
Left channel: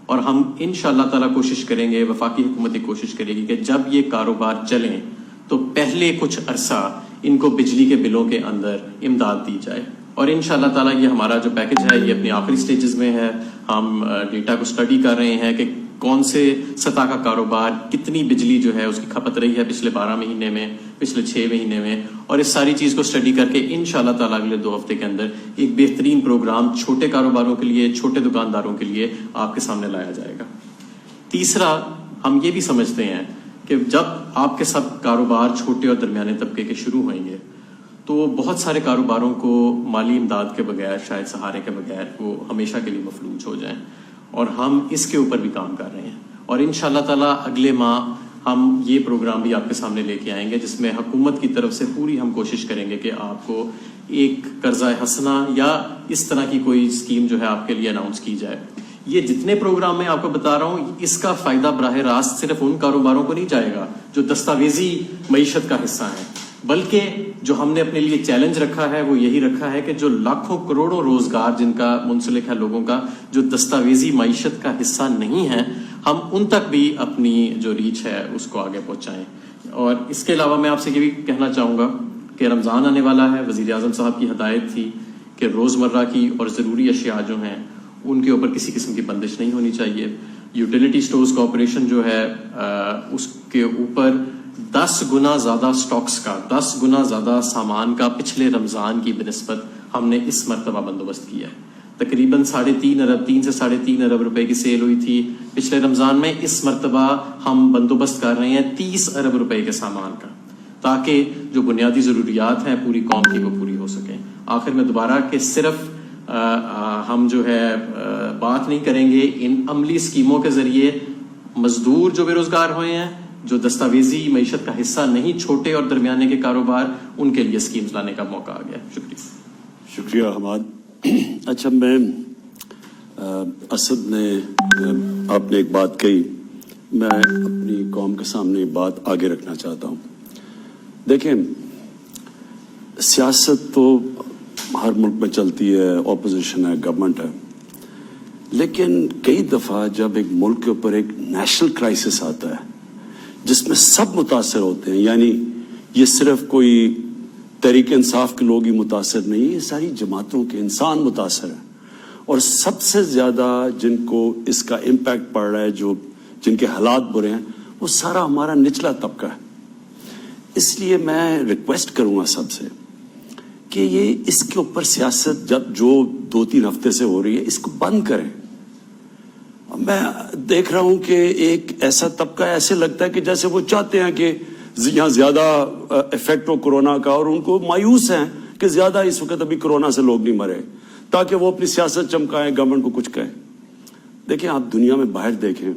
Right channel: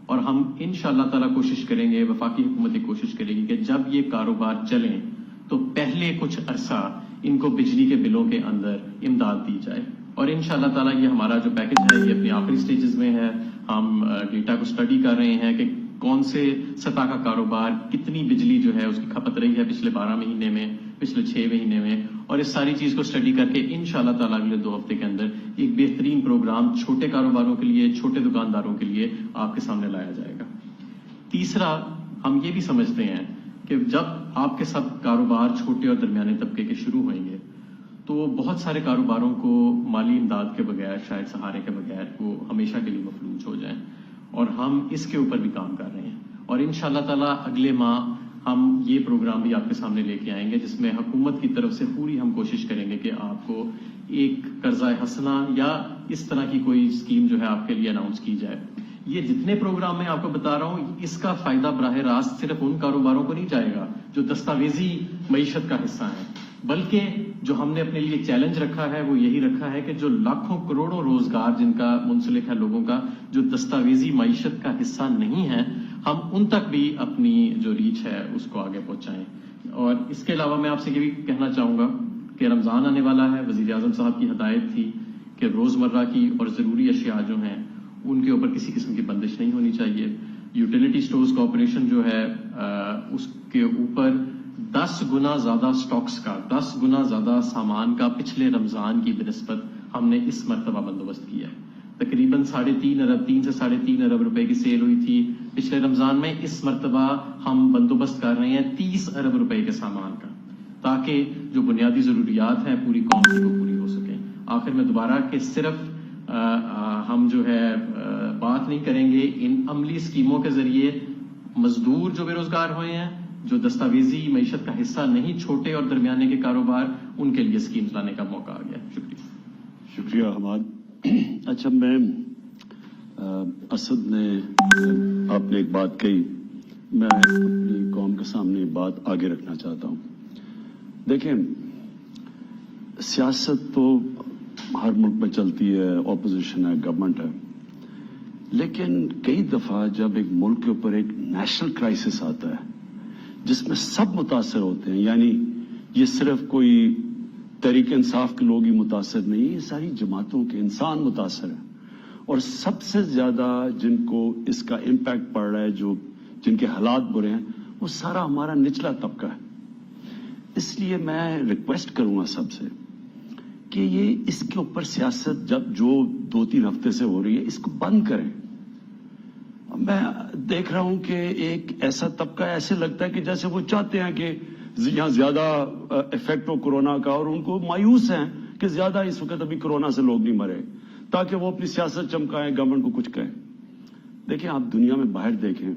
اور ہم انشاءاللہ تعالیٰ کوشش کریں گے، وفاقی حکومت کوشش کرے گی کہ جب یہ کاروبار چلیں تو پہلے کچھ عرصہ ان کو بجلی کے بلوں کے اندر امداد دی جائے. اور انشاءاللہ تعالیٰ یہ ہمارا جو پیکج ہے یہ اپنی آخری سٹیجز میں ہے. ہم ڈیٹا کو سٹڈی کر رہے ہیں کہ کون سے سطح کا کاروبار کتنی بجلی جو ہے اس کی کھپت رہی ہے پچھلے 12 مہینے میں، پچھلے 6 مہینے میں. اور اس ساری چیز کو سٹڈی کر کے انشاءاللہ تعالیٰ اگلے 2 ہفتے کے اندر ایک بہترین پروگرام چھوٹے کاروباروں کے لیے، چھوٹے دکانداروں کے لیے آپ کے سامنے لایا جائے گا. تیسرا، ہم یہ بھی سمجھتے ہیں کہ جب آپ کے سب کاروبار چھوٹے اور درمیانے طبقے کے شروع ہوئیں گے تو بہت سارے کاروباروں کو مالی امداد کے بغیر، شاید سہارے کے بغیر وہ ہمیشہ کے لیے مفلوج ہو جائیں. اور ہم اس کے اوپر بھی کام کر رہے ہیں. اور انشاءاللہ تعالیٰ اگلے ماہ ہم یہ پروگرام بھی آپ کے سامنے لے کے آئیں گے جس میں حکومت کی طرف سے پوری ہم کوشش کریں گے کہ آپ کو ایک قرضہ حسنہ یا اس طرح کی کوئی اسکیم جو ہے آپ کے لیے اناؤنس کی جائے. یہ جتنے پروگرام میں آپ کو بتا رہا ہوں، اس کا فائدہ براہ راست صرف ان کاروباروں کو نہیں جائے گا جو دستاویزی معیشت کا حصہ ہیں، بلکہ جو ہم نے اپنے لیے چیلنج رکھا ہے وہ یہی رکھا ہے کہ جو لاکھوں کروڑوں روزگار جن کا منسلک ہے لوگوں کا، جو دستاویزی معیشت کا حصہ نہیں ہے، ہم ان تک بھی اپنی جو ریچ ہے اس کو آگے پہنچائیں. اور اس کے علاوہ میں آپ سے یہ بھی کہنا چاہوں گا کہ رمضان آنے والا ہے. وزیر اعظم صاحب کی ہدایت تھی کہ روزمرہ کی اور ضروری اشیاء جو ہیں ان کے اوپر کسی قسم کی بندش نہیں ہونی چاہیے. یوٹیلیٹی سٹورز کارپوریشن جو ہے اس کے اوپر 10 گنا زیادہ سٹاکس کا، 10 گنا زیادہ سامان کا پچھلے رمضان کی بنسبت ہم نے اس مرتبہ بندوبست کیا ہے. تقریباً 3.5 ارب، 3 سے 3.5 ارب روپے کی سیل ہوئی تھی پچھلے رمضان میں. اس مرتبہ ہم بندوبست کر رہے ہیں 30 ارب روپے کے سامان کا، تاکہ جو بنیادی ضروریات ہیں پوری قوم کی وہ پوری ہو سکیں. آخر میں دوبارہ کہ صرف ہم جو ہے بات نہیں کریں گے، ان عملی اسکیموں کے ذریعے مزدور جو بے روزگار ہوئے ہیں، جو دستاویزی معیشت کا حصہ نہیں، چھوٹے اور درمیانے کے کاروبار، ان کے لیے اسکیمز لانے کا موقع آ گیا. شکریہ. شکریہ حماد. اچھا، میں اسد نے آپ نے ایک بات کہی، میں اپنی قوم کے سامنے بات آگے رکھنا چاہتا ہوں. دیکھیں، سیاست تو ہر ملک میں چلتی ہے، اپوزیشن ہے، گورنمنٹ ہے، لیکن کئی دفعہ جب ایک ملک کے اوپر ایک نیشنل کرائسس آتا ہے جس میں سب متاثر ہوتے ہیں، یعنی یہ صرف کوئی تحریک انصاف کے لوگ ہی متاثر نہیں، یہ ساری جماعتوں کے انسان متاثر ہیں، اور سب سے زیادہ جن کو اس کا امپیکٹ پڑ رہا ہے، جن کے حالات برے ہیں، وہ سارا ہمارا نچلا طبقہ ہے. اس لیے میں ریکویسٹ کروں گا سب سے کہ یہ اس کے اوپر سیاست جو 2-3 ہفتے سے ہو رہی ہے، اس کو بند کریں. میں دیکھ رہا ہوں کہ ایک ایسا طبقہ ایسے لگتا ہے کہ جیسے وہ چاہتے ہیں کہ یہاں زیادہ افیکٹ ہو کورونا کا، اور ان کو مایوس ہیں کہ زیادہ اس وقت ابھی کورونا سے لوگ نہیں مرے، تاکہ وہ اپنی سیاست چمکائیں، گورنمنٹ کو کچھ کہیں. دیکھیں، آپ دنیا میں باہر دیکھیں،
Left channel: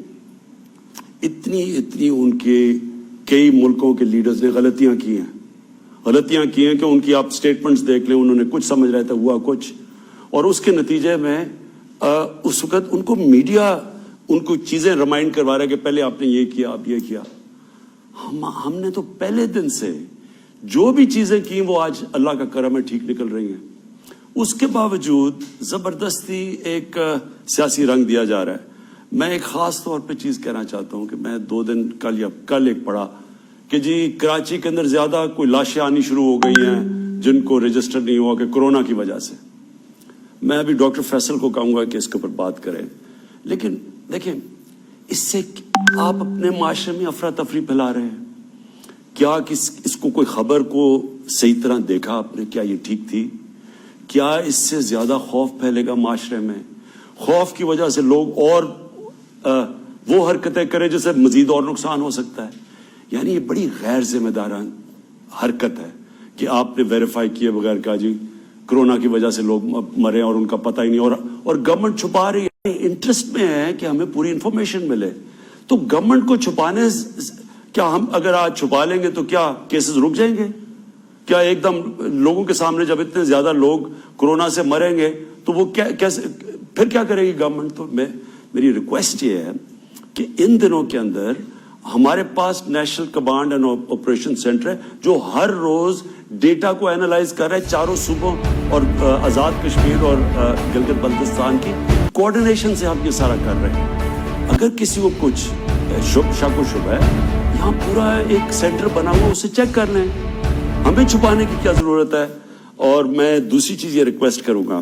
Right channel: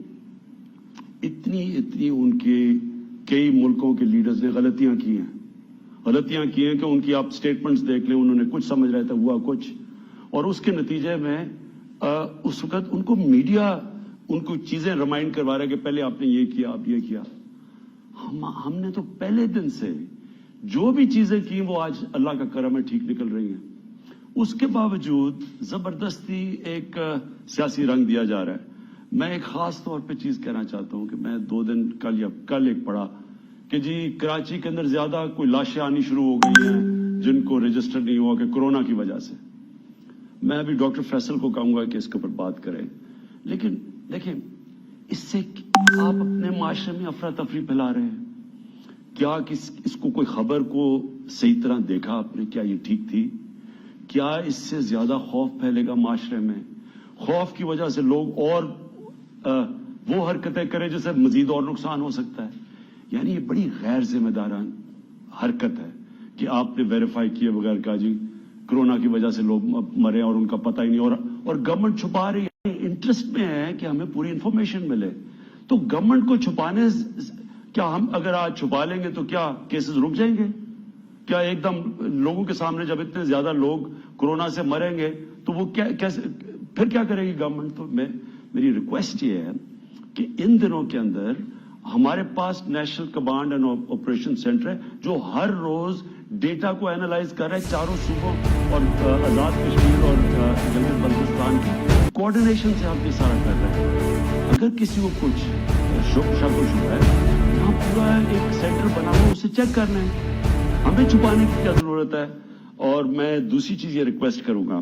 اتنی ان کے کئی ملکوں کے لیڈرز نے غلطیاں کی ہیں کہ ان کی آپ سٹیٹمنٹس دیکھ لیں، انہوں نے کچھ سمجھ رہا تھا، ہوا کچھ، اور اس کے نتیجے میں اس وقت ان کو میڈیا ان کو چیزیں ریمائنڈ کروا رہا ہے کہ پہلے آپ نے یہ کیا، آپ یہ کیا. ہم نے تو پہلے دن سے جو بھی چیزیں کی وہ آج اللہ کا کرم ہے ٹھیک نکل رہی ہیں. اس کے باوجود زبردستی ایک سیاسی رنگ دیا جا رہا ہے. میں ایک خاص طور پہ چیز کہنا چاہتا ہوں کہ میں 2 دن کل ایک پڑھا کہ جی کراچی کے اندر زیادہ کوئی لاشیں آنی شروع ہو گئی ہیں جن کو رجسٹر نہیں ہوا کہ کورونا کی وجہ سے. میں ابھی ڈاکٹر فیصل کو کہوں گا کہ اس کے اوپر بات کریں، لیکن دیکھیں، اس سے آپ اپنے معاشرے میں افراتفری پھیلا رہے ہیں. کیا اس کو کوئی خبر کو صحیح طرح دیکھا آپ نے؟ کیا یہ ٹھیک تھی؟ کیا اس سے زیادہ خوف پھیلے گا معاشرے میں؟ خوف کی وجہ سے لوگ اور وہ حرکتیں کریں جس سے مزید اور نقصان ہو سکتا ہے. یعنی یہ بڑی غیر ذمہ دارانہ حرکت ہے کہ آپ نے ویریفائی کیے بغیر کہا جی کورونا کی وجہ سے لوگ مرے اور ان کا پتہ ہی نہیں، اور گورنمنٹ چھپا رہی ہے. انٹرسٹ میں ہے کہ ہمیں پوری انفارمیشن ملے، تو گورنمنٹ کو چھپانے، کیا ہم اگر آج چھپا لیں گے تو کیا کیسز رک جائیں گے؟ کیا ایک دم لوگوں کے سامنے جب اتنے زیادہ لوگ کورونا سے مریں گے تو وہ کیسے پھر کیا کرے گی گورنمنٹ؟ تو میری ریکویسٹ یہ ہے کہ ان دنوں کے اندر ہمارے پاس national command and operation centre ہے جو ہر روز ڈیٹا کو اینالائز کر رہا ہے، چاروں صوبوں اور آزاد کشمیر اور گلگت بلتستان کی کوآرڈینیشن سے ہم یہ سارا کر رہے ہیں. اگر کسی کو کچھ شک و شبہ ہے، یہاں پورا ایک سینٹر بنا ہوا، اسے چیک کر لیں، ہمیں چھپانے کی کیا ضرورت ہے. اور میں دوسری چیز یہ ریکویسٹ کروں گا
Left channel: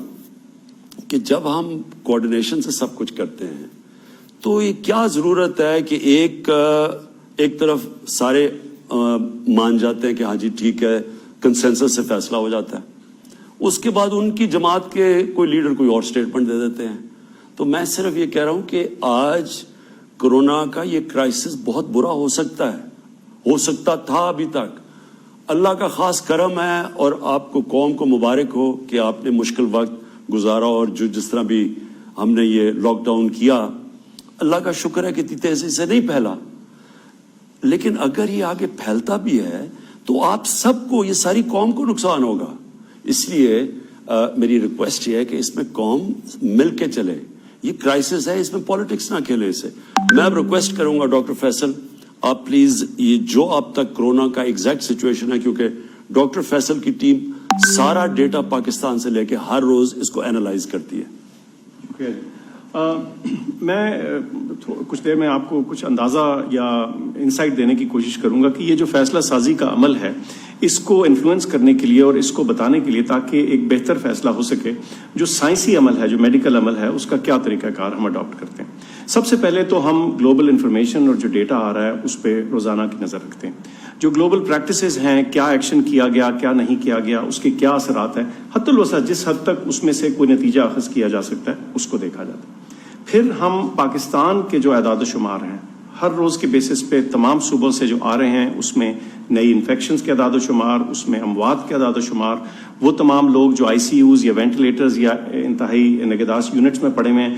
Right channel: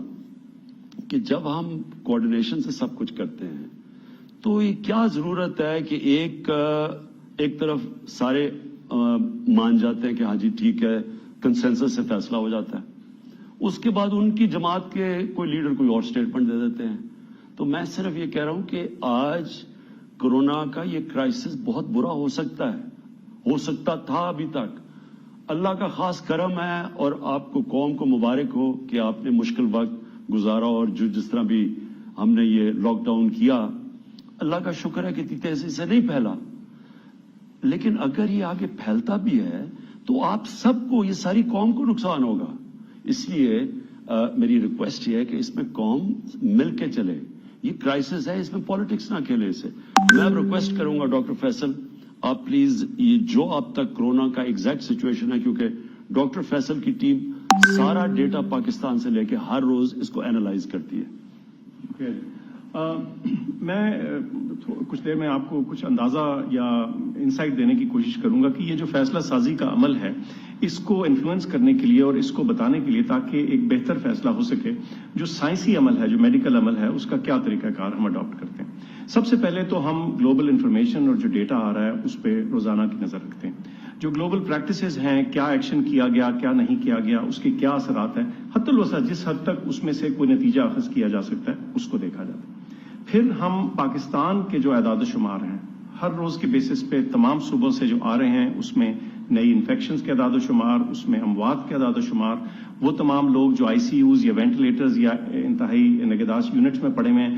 کہ جب ہم کوآرڈینیشن سے سب کچھ کرتے ہیں تو یہ کیا ضرورت ہے کہ ایک طرف سارے مان جاتے ہیں کہ ہاں جی ٹھیک ہے، کنسنسس سے فیصلہ ہو جاتا ہے، اس کے بعد ان کی جماعت کے کوئی لیڈر کوئی اور سٹیٹمنٹ دے دیتے ہیں. تو میں صرف یہ کہہ رہا ہوں کہ آج کورونا کا یہ کرائسس بہت برا ہو سکتا ہے، ہو سکتا تھا ابھی تک. اللہ کا خاص کرم ہے اور آپ کو قوم کو مبارک ہو کہ آپ نے مشکل وقت گزارا، اور جس طرح بھی ہم نے یہ لاک ڈاؤن کیا، اللہ کا شکر ہے کہ اتنی تیزی سے نہیں پھیلا. لیکن اگر یہ آگے پھیلتا بھی ہے تو آپ سب کو، یہ ساری قوم کو نقصان ہوگا. اس لیے میری ریکویسٹ یہ ہے کہ اس میں قوم مل کے چلے. یہ کرائسس ہے، اس میں پالیٹکس نہ کھیلے. اسے میں ریکویسٹ کروں گا ڈاکٹر فیصل، آپ پلیز یہ جو اب تک کورونا کا ایگزیکٹ سچویشن ہے، کیونکہ ڈاکٹر فیصل کی ٹیم سارا ڈیٹا پاکستان سے لے کے ہر روز اس کو اینالائز کرتی ہے. میں کچھ دیر میں آپ کو کچھ اندازہ یا انسائٹ دینے کی کوشش کروں گا کہ یہ جو فیصلہ سازی کا عمل ہے، اس کو انفلوئنس کرنے کے لیے اور اس کو بتانے کے لیے تاکہ ایک بہتر فیصلہ ہو سکے، جو سائنسی عمل ہے، جو میڈیکل عمل ہے، اس کا کیا طریقہ کار ہم اڈاپٹ کرتے ہیں. سب سے پہلے تو ہم گلوبل انفارمیشن اور جو ڈیٹا آ رہا ہے اس پہ روزانہ کی نظر رکھتے ہیں. جو گلوبل پریکٹسز ہیں، کیا ایکشن کیا گیا، کیا نہیں کیا گیا، اس کے کیا اثرات ہیں، حتی الوسع جس حد تک اس میں سے کوئی نتیجہ اخذ کیا جا سکتا ہے اس کو دیکھا جاتا ہے. پھر ہم پاکستان کے جو اعداد و شمار ہیں، ہر روز کے بیسس پہ تمام صوبوں سے جو آ رہے ہیں، اس میں نئی انفیکشنز کے اعداد و شمار، اس میں اموات کے اعداد و شمار، وہ تمام لوگ جو آئی سی یوز یا وینٹیلیٹرز یا انتہائی نگہداشت یونٹس میں پڑے ہوئے ہیں،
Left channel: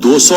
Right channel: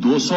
200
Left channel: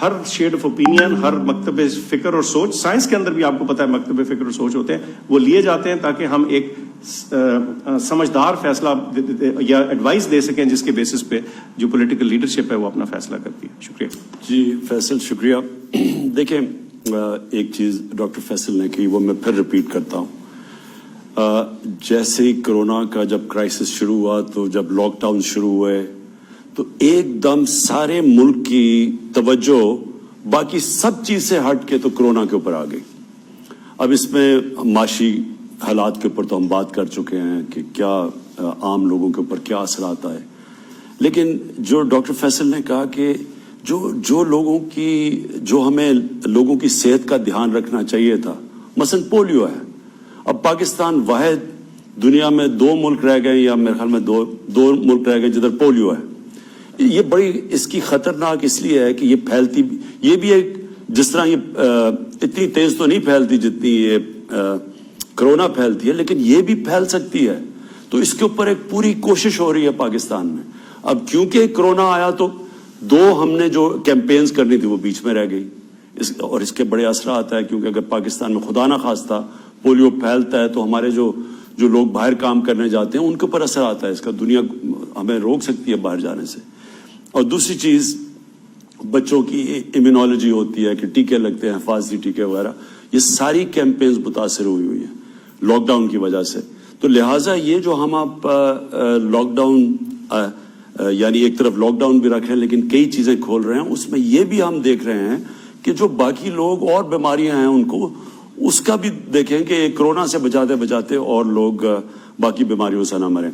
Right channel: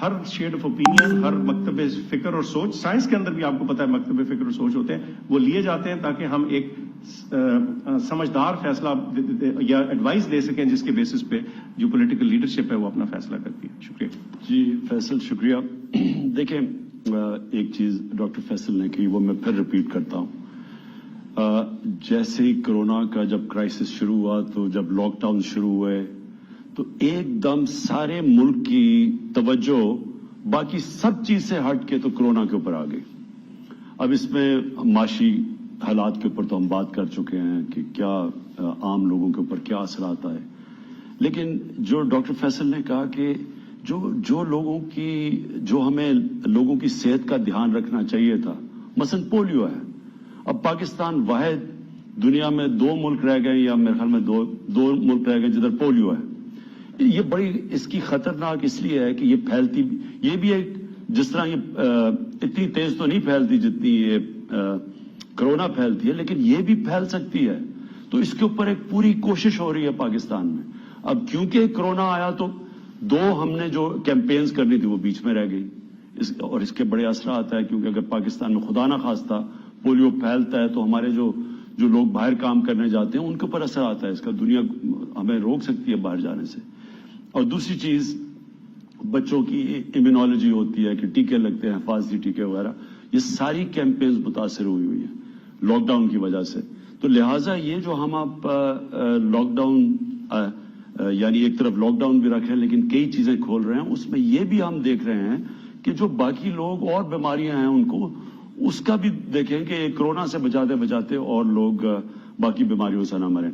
ہر شیڈ آف اوپینین، ہر مکتب فکر اور سوچ، سائنس کے اندر بھی آپ کو پتا ہے مکتب فکر اور سوچ ہوتے ہیں، وہ لیے جاتے ہیں تاکہ ہم ایک سمجھدار فیصلہ یا ایڈوائس دے سکیں جس کے بیسس پہ جو پولیٹیکل لیڈرشپ ہے وہ اپنا فیصلہ کرتی ہے. شکریہ. جی فیصل شکریہ. دیکھیں ایک چیز ڈاکٹر فیصل نے کی وہ میں پھر ریپیٹ کرتا ہوں. جیسے ہی کرونا کا جب کرائسس شروع ہوا تو جب لاک ڈاؤن شروع ہوئے تو ایک دم سارے ملک کی توجہ باقی سب چیز سے ہٹ کے تو کرونا کے اوپر آ گئی. اب اس میں معاشی حالات کے اوپر تو ہم بات کر چکے ہیں کہ کیا عام لوگوں کے اوپر کیا اثرات آئے، لیکن جو ڈاکٹر فیصل نے کہا کہ جو لوگوں کی جو ہمیں لوگوں کی صحت کا دھیان رکھنا چاہیے تھا، مثلا پولیو ہے. اب پاکستان واحد دنیا میں 2 ملک رہ گئے یا میرے خیال میں دو ملک رہ گئے جدھر پولیو ہے. یہ بڑی اس کی خطرناک اس لیے ہے کہ یہ پھیلتی، یہ بھی ایک جس طرح یہ اتنی تیز تو نہیں پھیلتی جتنی یہ کرونا پھیلتی ہے، لیکن یہ بھی پھیل سکتی ہے. تو اس کے اوپر ایک پوری کوشش ہو رہی ہے پاکستان میں. اب کیونکہ کرونا آیا تو 2 ہم نے جو کیمپینز کرنی تھی وہ بیچ میں رہ گئی، اور اس کے بڑے اثرات ہے. کیونکہ اگر پاکستان میں خدا نہ خواستہ پولیو پھیلتا ہے تو ہمارے جو لوگ باہر کام کرنے جاتے ہیں ان کے اوپر اثر آتا ہے. اس کا دنیا ہمیں روک سکتی ہے باہر جانے سے. اور دوسری چیز بچوں کی امیونالوجی ہوتی ہے کہ ٹیکے لگتے ہیں، حفاظتی ٹیکے وغیرہ، یہ ساری کیمپینز متاثر ہوئی ہیں لاک ڈاؤن کی وجہ سے. تو لہٰذا یہ جو ہم آپ لاک ڈاؤن یعنی ایک طرف لاک ڈاؤن بھی رکھیں لیکن کئی چیزیں کھول رہے ہیں، اس میں یہ بھی ہم دیکھ رہے ہیں کہ جو باقی لوگ اور بیماریاں ہیں ان کو اس کا بھی دیکھیں کہ کرونا سے بچاتے اور لوگ باقی بیماریوں سے نہ مریں.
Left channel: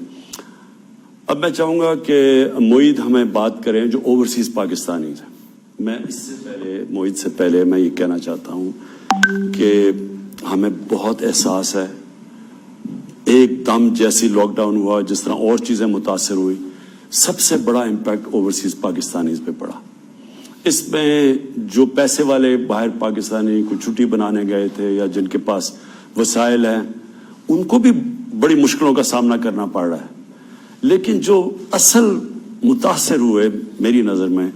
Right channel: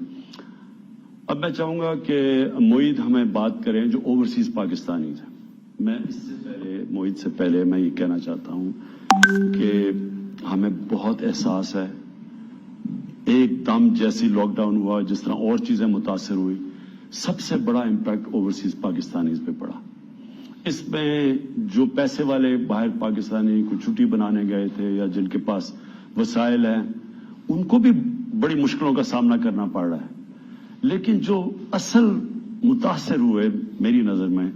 اب میں چاہوں گا کہ معید ہمیں بات کریں جو اوورسیز پاکستانی ہیں. میں اس سے پہلے معید سے پہلے میں یہ کہنا چاہتا ہوں کہ ہمیں بہت احساس ہے ایک دم جیسی لاک ڈاؤن ہوا جس طرح اور چیزیں متاثر ہوئی، سب سے بڑا امپیکٹ اوورسیز پاکستانیز پہ پڑا. اس میں جو پیسے والے باہر پاکستانی کو چھٹی بنانے گئے تھے یا جن کے پاس وسائل ہیں ان کو بھی بڑی مشکلوں کا سامنا کرنا پڑ رہا ہے. لیکن جو اصل متاثر ہوئے میری نظر میں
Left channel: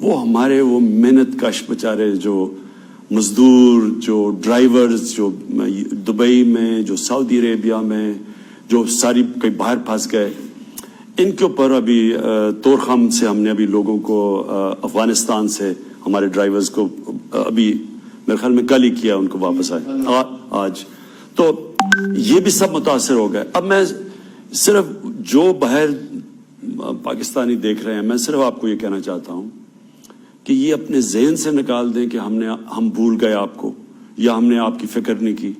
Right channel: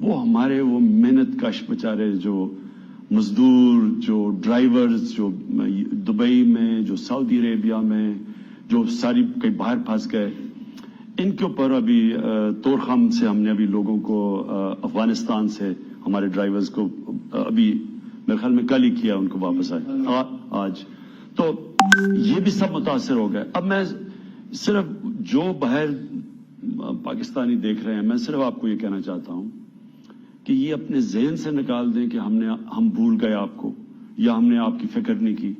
وہ ہمارے وہ محنت کش بیچارے جو مزدور، جو ڈرائیورز، جو دبئی میں، جو سعودی عربیہ میں، جو ساری کئی باہر پھنس گئے، ان کے اوپر ابھی تورخم سے ہم نے ابھی لوگوں کو افغانستان سے ہمارے ڈرائیورز کو ابھی میرے خیال میں کل ہی کیا، ان کو واپس آئے آج. تو یہ بھی سب متاثر ہو گئے. اب میں صرف جو باہر پاکستانی دیکھ رہے ہیں میں صرف آپ کو یہ کہنا چاہتا ہوں کہ یہ اپنے ذہن سے نکال دیں کہ ہم بھول گئے آپ کو یا ہم نے آپ کی فکر نہیں کی.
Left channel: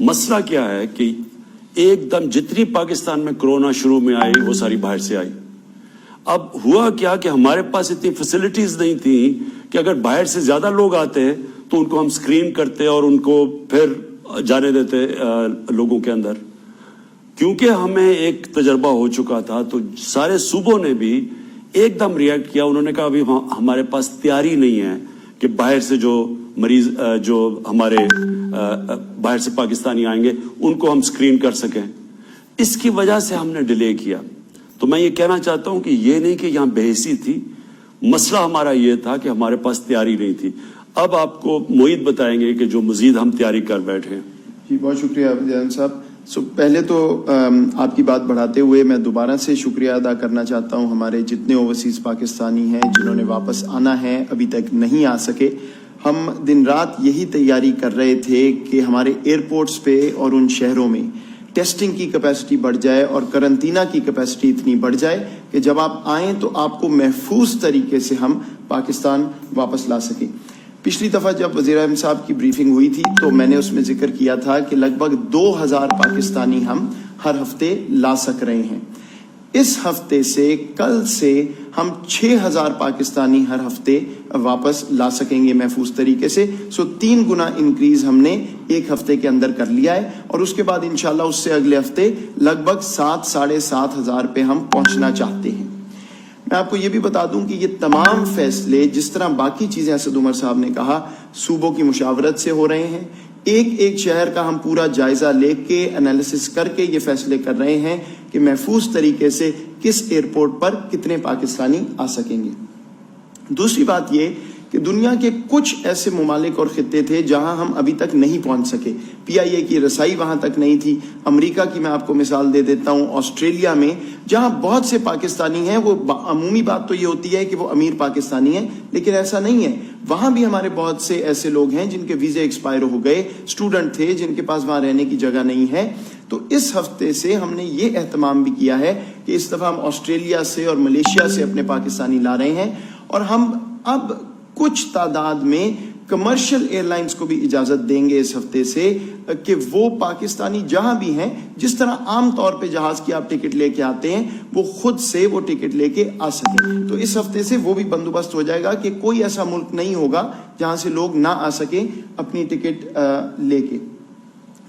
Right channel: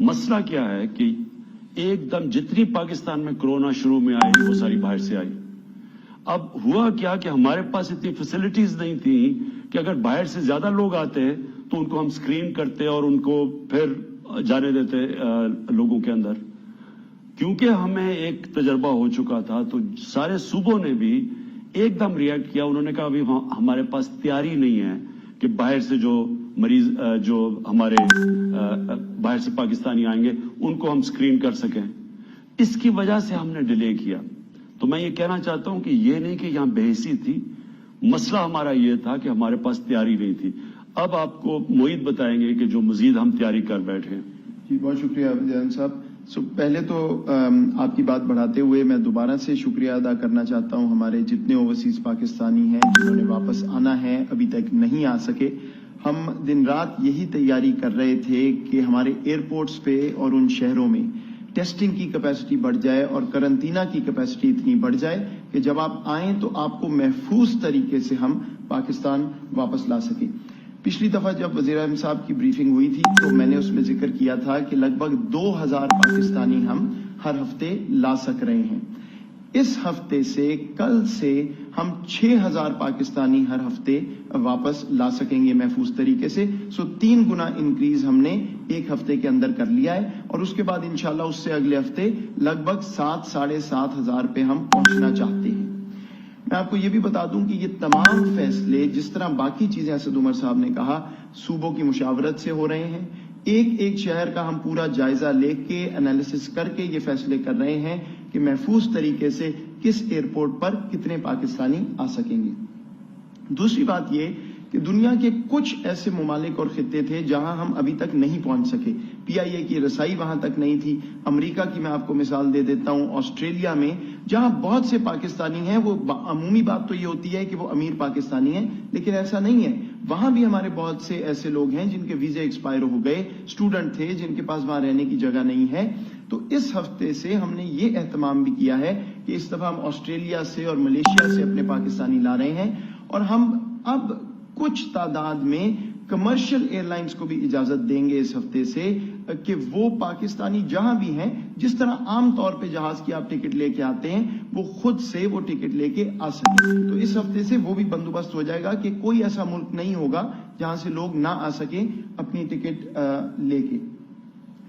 مسئلہ کیا ہے کہ ایک دم جتنی پاکستان میں کرونا شروع میں آئی وہ ساری باہر سے آئی. اب ہوا کیا کہ ہمارے پاس اتنی فیسلٹیز نہیں تھیں کہ اگر باہر سے زیادہ لوگ آتے تو ان کو ہم سکرین کرتے اور ان کو پھر جانے دیتے لوگوں کے اندر. کیونکہ ہمیں ایک تجربہ ہو چکا تھا تو سارے صوبوں نے بھی ایک دم ریئیکٹ کیا. انہوں نے کہا ابھی ہمارے پاس تیاری نہیں ہے کہ باہر سے جو مریض جو ہمارے باہر سے پاکستانی آئیں گے ان کو ہم سکرین کر سکیں. اس کی وجہ سے ہم نے ڈیلے کیا. تو میں یہ کہنا چاہتا ہوں کہ یہ نہیں کہ یہاں بے حسی تھی، مسئلہ ہمارا یہ تھا کہ ہمارے پاس تیاری نہیں تھی. اب آپ کو معید بتائیں گے کہ جو مزید ہم تیاری کر بیٹھے. جی بہت شکریہ جان صاحب. پہلے تو آپ کی بات بڑھاتے ہوئے میں دوبارہ سے شکریہ ادا کرنا چاہتا ہوں ہمارے جتنے اوورسیز پاکستانی ہیں جنہوں نے واپس آنا ہے ابھی تک نہیں آ سکے. ہم دن رات یہی تیاری کر رہے تھے کہ ہمارے ایئرپورٹس پہ اور ان شہروں میں ٹیسٹنگ کی کیپیسٹی بڑھ جائے اور کرنٹینہ کی کیپیسٹی اتنی بڑھ جائے کہ جب آپ آئیں تو آپ کو محفوظ طریقے سے ہم پاکستان واپس لا سکیں. پچھلی دفعہ جب وزیر اعظم صاحب کی بریفنگ ہوئی تھی تو میں نے اس میں ذکر کیا تھا کہ لگ بھگ 2000 پاکستانی ہم ہر ہفتے لا سک رہے ہیں. اس ہفتے سے کل سے ہم 6000 پاکستانی ہر ہفتے واپس لا سکیں گے محفوظ طریقے سے. 3 گنا انکریز ہم نے ایک ہفتے کے اندر کر لیا ہے اور اس کے بعد انشاءاللہ اس سے اگلے ہفتے لگ بھگ 7,500 پہ ہم پہنچنا چاہتے ہیں. میں آپ کو یہ بھی بتا دوں کہ یہ تمام فیصلے جس طرح باقی چیزیں اسد عمر صاحب نے کہا صوبوں کی مشاورت سے ہو رہے ہیں. ایک شہر کا ہم پورا جائزہ لے کے انالیسس کر کے یہ فیصلے کر رہے ہیں کہ محفوظ طریقے سے کس ایئرپورٹ پر کتنے پاکستانی آ سکیں گے. دوسری بات یہ کہ دنیا کے کچھ ایسے ممالک اور خطے تھے جہاں ہم ابھی تک نہیں پہنچ سکے. PIA کی رسائی وہاں تک نہیں تھی. امریکہ کی میں آپ کو مثال دے دیتا ہوں, آسٹریلیا میں جہاں بہت سے پاکستانی ہیں, وہ عمومی بات تو یہ ہوتی ہے کہ وہ امیر پاکستانی ہیں, لیکن ایسا نہیں ہے. وہاں بھی ہمارے بہت سے ایسے لوگ ہیں جن کے ویزے ایکسپائر ہو گئے, اسٹوڈنٹ تھے جن کے پاس وہاں رہنے کی جگہ نہیں ہے. تو اس ہفتے سے ہم نے یہ اہتمام بھی کیا ہے کہ اس دفعہ ہم آسٹریلیا سے اور ملیشیا سے اپنے پاکستانی لا رہے ہیں, اور ہم اب کچھ تعداد میں کمرشل ایئر لائنز کو بھی اجازت دیں گے اس ہفتے سے کہ وہ پاکستانی جہاں بھی ہیں, جس طرح عام طور پہ جہاز کی آپ ٹکٹ لے کے آتے ہیں, وہ خود سے وہ ٹکٹ لے کے آ سکیں. تو اس ہفتے سے وہ بھی بندوبست ہو جائے گا کہ کوئی ایسا ملک نہیں ہوگا جہاں سے لوگ نہ آ سکیں اپنی ٹکٹ لے کے.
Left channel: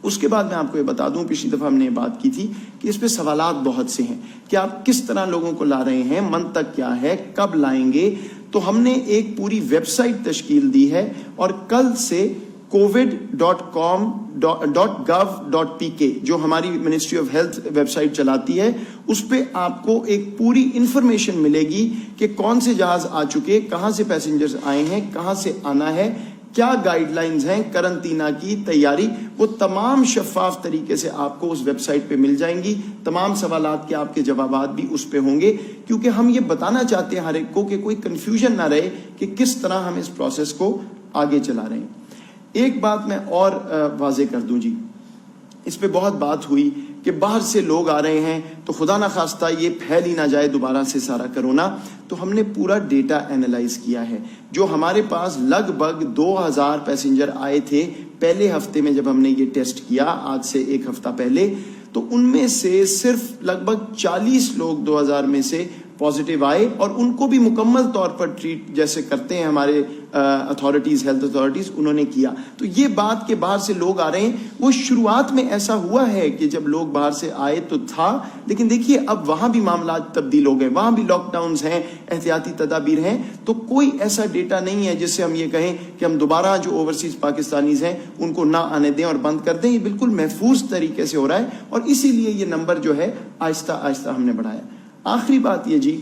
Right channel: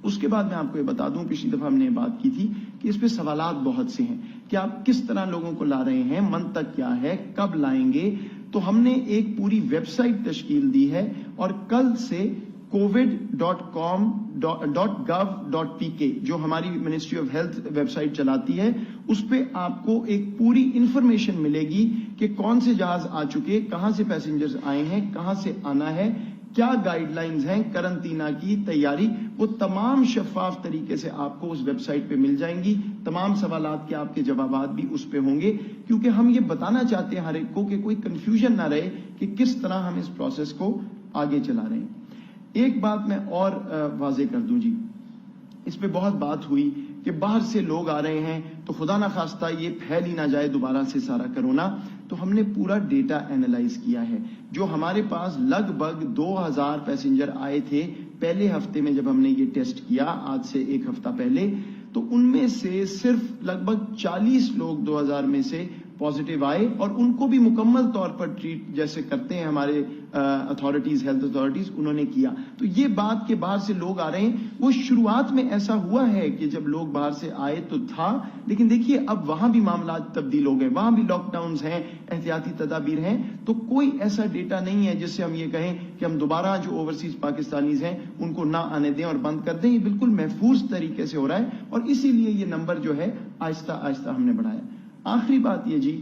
اس کے بعد میں آپ کو یہ بتا دوں, پچھلی دفعہ ہم نے یہ بات کی تھی کہ اس پہ سوالات بہت سے ہیں کہ آپ کس طرح لوگوں کو لا رہے ہیں, منطق کیا ہے, کب لائیں گے. تو ہم نے ایک پوری ویب سائٹ تشکیل دی ہے, اور کل سے covid.com.gov.pk جو ہماری ministry of health website چلاتی ہے, اس پہ آپ کو ایک پوری انفارمیشن ملے گی کہ کون سے جہاز آ چکے, کہاں سے پیسنجرز آئے ہیں, کہاں سے آنا ہے, کیا گائیڈ لائنز ہیں, کرنٹینا کی تیاری, وہ تمام شفاف طریقے سے آپ کو اس ویب سائٹ پہ مل جائیں گی. تمام سوالات کے آپ کے جوابات بھی اس پہ ہوں گے, کیونکہ ہم یہ بتانا چاہتے ہیں ہر ایک کو کہ کوئی کنفیوژن نہ رہے کہ کس طرح ہم اس پروسیس کو آگے چلا رہے ہیں. ایک بات میں اور واضح کر دوں جی, اس پہ بہت بات ہوئی کہ باہر سے لوگ آ رہے ہیں تو خدا نہ خواستہ یہ پھیل ہی نہ جائے دوبارہ سے سارا کرونا. تو ہم نے پورا ڈیٹا اینالائز کیا ہے. جو ہمارے پاس لگ بھگ 2000 پیسنجر آئے تھے پہلے ہفتے میں جب ہم نے یہ ٹیسٹ کیا, آج سے ایک ہفتہ پہلے, تو ان میں سے صرف لگ بھگ 40 لوگ 2000 میں سے پازیٹیو آئے, اور ان کو بھی مکمل طور پر ٹریٹ جیسے کرتے ہیں ہمارے اتھارٹیز, ہیلتھ اتھارٹیز, انہوں نے کیا. تو یہ بات کہ باہر سے لوگ آ رہے ہیں, وہ شروعات میں ایسا ہوا ہے کہ جب لوگ باہر سے آئے تو تھا, لیکن دیکھیے اب وہاں بھی معاملات تبدیل ہو گئے, وہاں بھی لاک ڈاؤنز ہیں, احتیاطی تدابیر ہیں. تو کوئی ایسا ڈیٹا نہیں ہے جس سے ہم یہ کہیں کہ ہم دوبارہ جو اوورسیز پاکستانیز ہیں ان کو نہ آنے دیں اور بند کر دیں. یہ بالکل محفوظ طریقے سے ہو رہا ہے, اور اسی لیے یہ نمبر جو ہے آہستہ آہستہ ہم نے بڑھایا. آخری بات یہ جی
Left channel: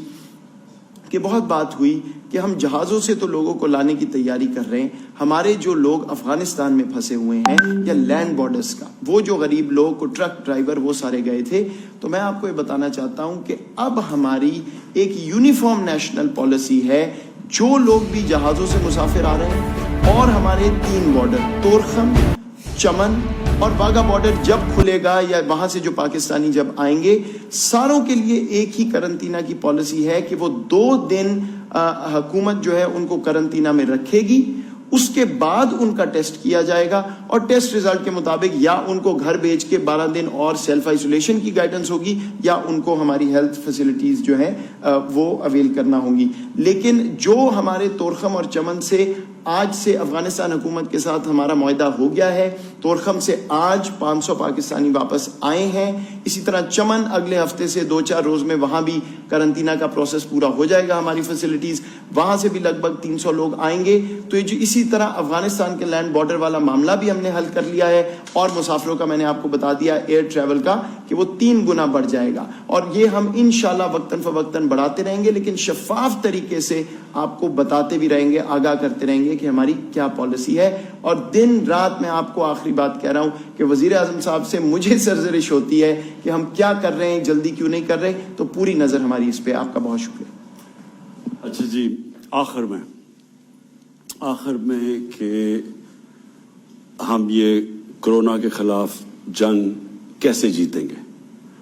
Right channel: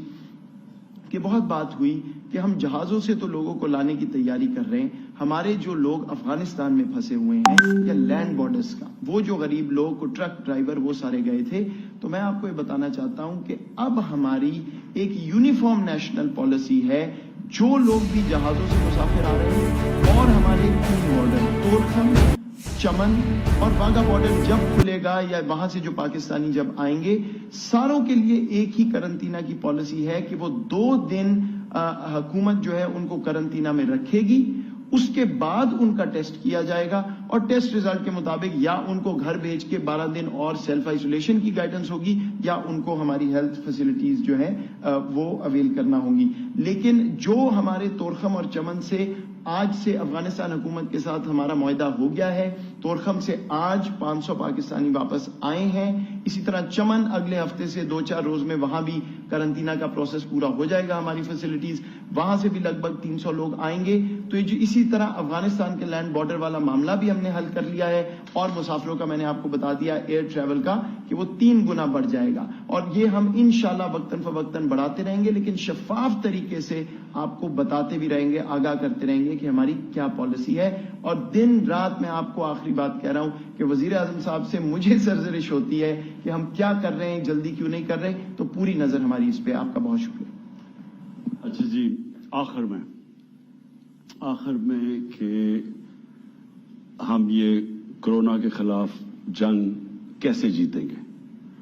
کہ بہت بات ہوئی کہ ہم جہازوں سے تو لوگوں کو لانے کی تیاری کر رہے ہیں. ہمارے جو لوگ افغانستان میں پھنسے ہوئے ہیں یا لینڈ بارڈرز کا, وہ جو غریب لوگ کو ٹرک ڈرائیور وہ سارے گئے تھے, تو میں آپ کو یہ بتانا چاہتا ہوں کہ اب ہماری ایک یونیفارم نیشنل پالیسی ہے. جو لوگ بھی جہازوں سے مسافر آ رہے ہیں, اور ہمارے 3 بارڈر تورخم, چمن اور واگا بارڈر جب کھلے گا یا وہاں سے جو پاکستانی جب آئیں گے, ساروں کے لیے ایک ہی کرنٹینا کی پالیسی ہے کہ وہ 2 دن حکومت جو ہے ان کو کرنٹینا میں رکھے گی. اس کے بعد ان کا ٹیسٹ کیا جائے گا, اور ٹیسٹ ریزلٹ کے مطابق یا ان کو گھر بھیج کے 12 دن اور سیلف آئسولیشن کی گائیڈنس ہوگی, یا ان کو ہماری ہیلتھ فیسلٹیز جو ہیں وہ اویل کرنا ہوں گی. لیکن جو ہمارے تورخم اور چمن سے آج سے افغانستان حکومت کے ساتھ ہمارا معاہدہ ہو گیا ہے, تورخم سے آج 500 پاکستانی واپس آئے ہیں. اسی طرح چمن اگلے ہفتے سے 2-4 روز میں وہاں بھی کرنٹینا کا پروسیس پورا ہو جائے گا, ہماری فیسلٹیز, وہاں سے بھی لگ بھگ 300 لوگ آئیں گے. تو اسی طرح افغانستان کے لینڈ بارڈر والا معاملہ بھی ہم نے حل کر لیا ہے, اور مسافروں کا میں نے آپ کو بتا دیا ایئر ٹریول کا کہ وہ 3 گنا بڑھ جائے گا, اور یہ ہم انشاءاللہ وقتاً فوقتاً بڑھاتے رہیں گے, لیکن شفاف طریقے سے آپ کو بتاتے بھی رہیں گے, آگاہ کرتے رہیں گے کہ ہماری کیا پالیسی ہے. اور دن رات میں آپ کو آخری بات کہہ رہا ہوں کہ وزیر اعظم صاحب سے مجھے سرزنش ہوتی ہے کہ ہم کیا کر رہے ہیں, جلدی کیوں نہیں کر رہے. تو پوری نظر ہماری اس پہ. آپ کا بہت شکریہ. اچھا جی, آخر میں کہ ہم یہ کرونا کے خلاف جنگ کیسے جیتیں گے,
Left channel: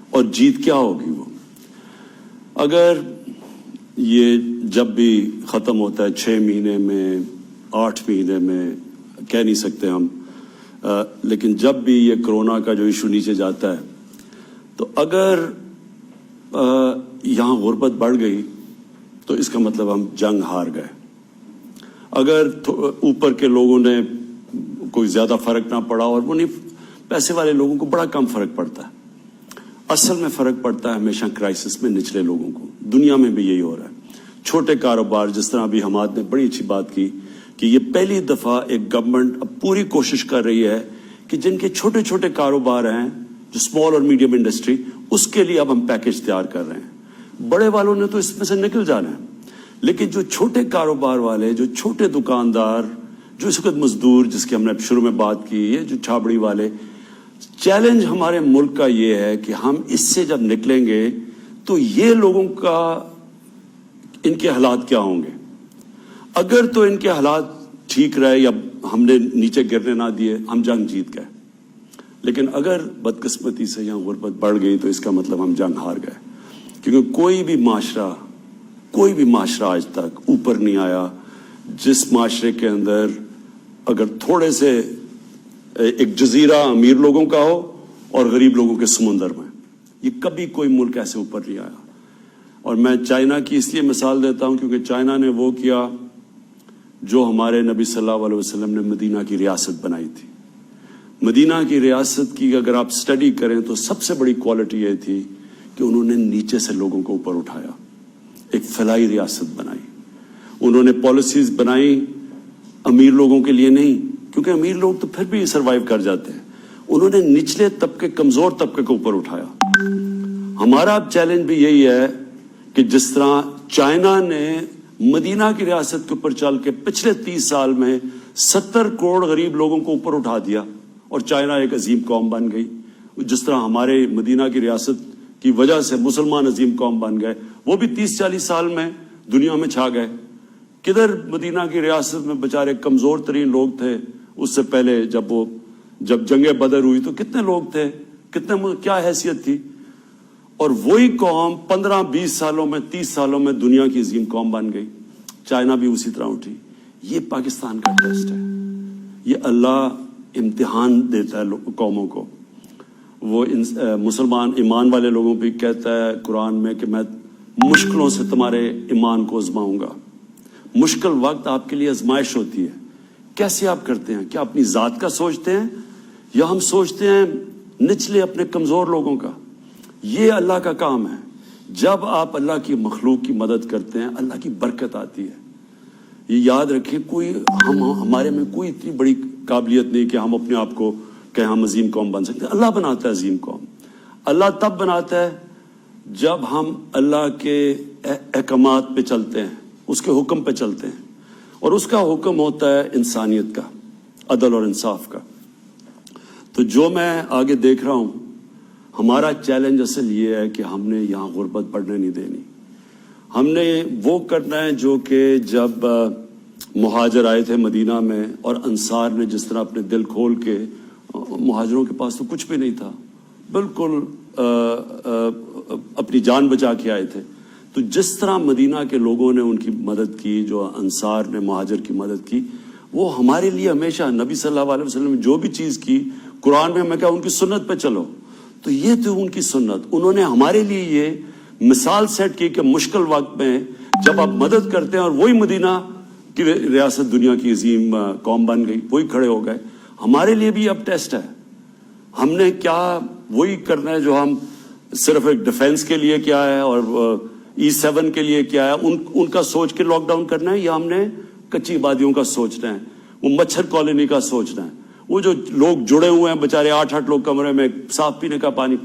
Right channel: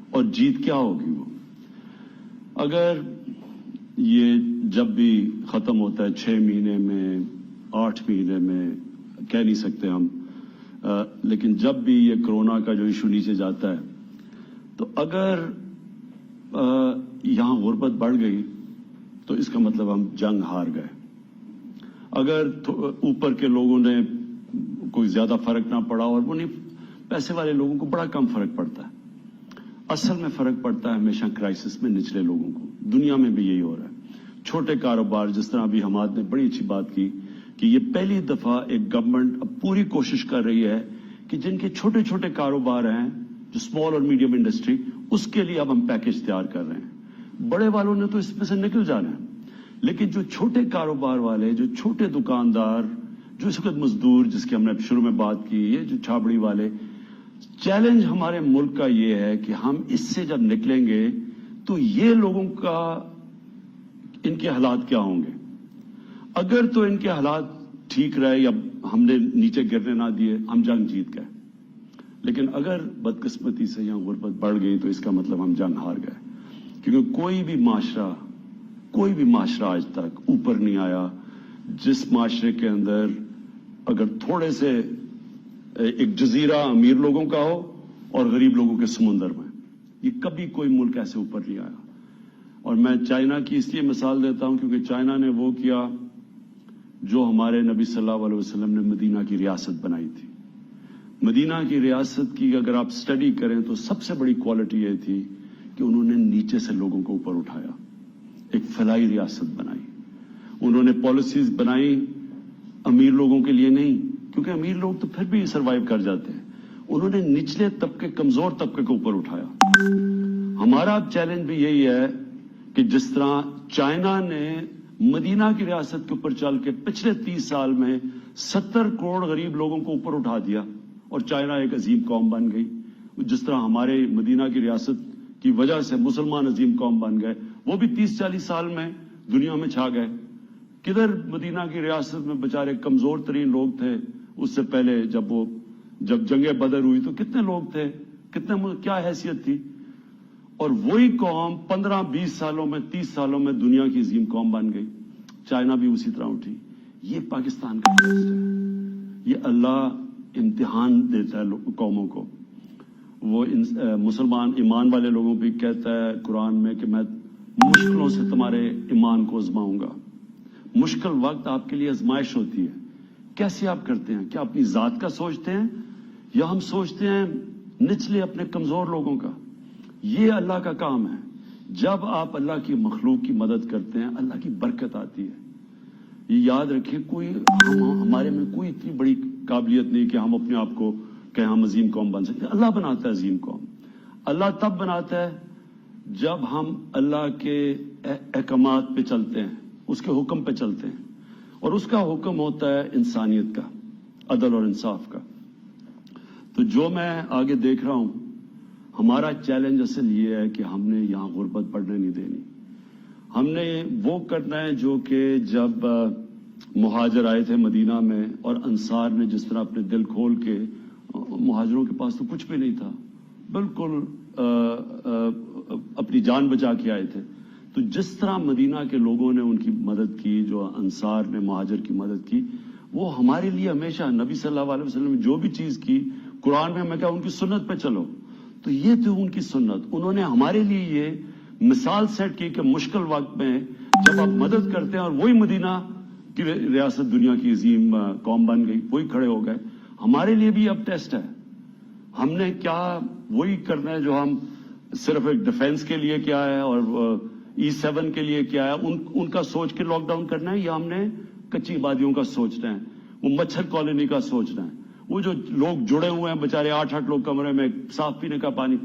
اور جیت کیا ہوگی وہ, اگر یہ جب بھی ختم ہوتا ہے 6 مہینے میں, 8 مہینے میں, کہہ نہیں سکتے ہم, لیکن جب بھی یہ کرونا کا جو ایشو نیچے جاتا ہے, تو اگر یہاں غربت بڑھ گئی تو اس کا مطلب ہم جنگ ہار گئے. اگر اوپر کے لوگوں نے کوئی زیادہ فرق نہ پڑا, اور وہ نہیں, پیسے والے لوگوں کو بڑا کم فرق پڑتا ہے. اصل میں فرق پڑتا ہے ہمیشہ کرائسس میں نچلے لوگوں کو. دنیا میں بھی یہی ہو رہا ہے. چھوٹے کاروبار, جس طرح ابھی حماد نے بڑی اچھی بات کی کہ یہ پہلی دفعہ ایک گورنمنٹ اب پوری کوشش کر رہی ہے کہ جن کے چھوٹے چھوٹے کاروبار ہیں, جو اسمال اور میڈیم انڈسٹری, اس کے لیے اب ہم پیکج تیار کر رہے ہیں. بڑے والوں نے تو اس میں سے نکل جانا ہے. لیکن جو چھوٹے کاروبار والے, جو چھوٹے دکاندار, جو اس وقت مزدور جس کی ہم نے شروع میں بات کی ہے, جو چھابڑی والے, چیلنج ہمارے ملک کا یہ ہے کہ ہم اس سے جب نکلیں گے تو یہ لوگوں کا ان کے حالات کیا ہوں گے. اگر تو ان کے حالات ٹھیک رہے یا ہم نے نیچے گرنے نہ دیے, ہم جنگ جیت گئے. لیکن اگر بدقسمتی سے یا غربت بڑھ گئی تو اس کا مطلب ہم جنگ ہار گئے. کیونکہ کوئی بھی معاشرہ آج تک اوپر نہیں آیا جس معاشرے کے اندر اگر تھوڑے سے ایک جزیرہ امیر لوگوں کا ہو اور غریب لوگوں کے سمندر میں, یہ کبھی کوئی ملک ایسے اوپر نہیں آیا. اور میں چائنا کی اس لیے مثال دیتا ہوں کیونکہ چائنا نے وہ کیا جو ہمارے نبی صلی اللہ علیہ وسلم نے مدینہ کی ریاست بنائی تھی. مدینہ کی ریاست کی اگر آپ سٹڈی کریں تو سب سے بڑی کوالٹی یہ تھی کہ انہوں نے نیچے سے لوگوں کو اوپر اٹھایا, ایک فلاحی ریاست بنائی. انہوں نے پالیسیز بنائی امیر لوگوں کے لیے نہیں, کیونکہ امیر لوگ تو پھر بھی سروائیو کر جاتے ہیں. انہوں نے نچلے طبقے, کمزور طبقے کو اوپر اٹھایا. ہمارا اب چیلنج بھی یہی ہے کہ جس طرح چائنا نے مدینہ کی ریاست کے اوپر چل کے پچھلے 30 سال میں 70 کروڑ غریب لوگوں کو اوپر اٹھا دیا اور چائنا ایک عظیم قوم بن گئی, جس طرح ہمارے مدینہ کی ریاست کی وجہ سے مسلمان عظیم قوم بن گئے. وہ بھی 30-40 سال میں دنیا میں چھا گئے. کدھر مدینہ کی ریاست میں بیچارے کمزور ترین لوگ تھے اس سے پہلے, جب جنگ بدر ہوئی تو کتنے لوگ تھے, کیا حیثیت تھی. اور وہی قوم 15-20 سالوں میں 30 سالوں میں دنیا کی عظیم قوم بن گئی. چائنا بھی اسی طرح اٹھی. یہ پاکستان کا ٹیسٹ ہے. یہ اللہ امتحان دیتا ہے قوموں کو. وہ مسلمان ایمان والے لوگوں بھی کہتا ہے قرآن میں کہ میں مشکلوں سے تمہارے ایمان کو آزماؤں گا. مشکل وقت آپ کے لیے آزمائش ہوتی ہے. کیسے آپ کرتے ہیں؟ کیا اپنی ذات کا سوچتے ہیں یا ہم سوچتے ہیں نچلے اپنے کمزور لوگوں کا؟ یہ اللہ کا کام ہے. جب آپ اللہ کی مخلوق کی مدد کرتے ہیں اللہ کی برکت آتی ہے. یہ یاد رکھیں, ہمارے میں کوئی اتنی بڑی قابلیت نہیں کہ ہم اپنے آپ کو کہ ہم عظیم قوم بن سکتے ہیں. اللہ بناتا ہے عظیم قوم. اللہ تب بناتا ہے جب ہم اللہ کے احکامات پہ چلتے ہیں, اس کے حکم پہ چلتے ہیں, اور اس کا حکم ہوتا ہے انسانیت کا, عدل اور انصاف کا. تو جو میں آگے دیکھ رہا ہوں, ہمارا چیلنج اصل یہ ہے کہ ہم نے یہاں غربت بڑھنے نہیں دینی. ہم نے وہ کرنا ہے جو کہ جب مہاجر آئے تھے مدینہ میں اور انصار نے جس طرح اپنے دل کھول کے, مہاجروں کے پاس تو کچھ بھی نہیں تھا, بالکل اپنی جان بچا کے آئے تھے. تو جس طرح مدینہ کے لوگوں نے ان کی مدد کی, جو انصار نے مہاجر کی مدد کی, وہ ہمارے لیے ہمیشہ نبی صلی اللہ علیہ وسلم نے جو بھی چیز کی قرآن میں کہا ان کی سنت پہ چلو, تو یہ تھی ان کی سنت. انہوں نے ہمارے لیے یہ مثال سیٹ کی کہ مشکل وقت میں جب آپ مدد کرتے ہیں, اور وہی مدینہ کی ریاست دنیا کی عظیم قوم بن گئی, وہی کھڑے ہو گئے. ہمارے لیے بھی اب ٹیسٹ ہے. ہم نے کیا وہی کرنا ہے جو ہم صرف ایک ڈیفنس کے لیے کیا ہے اور E7 کے لیے کیا ہے, ان کا سوچ کے لاک ڈاؤن کرنا ہے, یا ہم نے کچی آبادیوں کا سوچنا ہے, وہ مچھر کالونی کا سوچنا ہے, وہ جو لوگ جڑے ہوئے ہیں بیچارے 8-8 لوگ کمرے میں, صاف پینے کا پانی,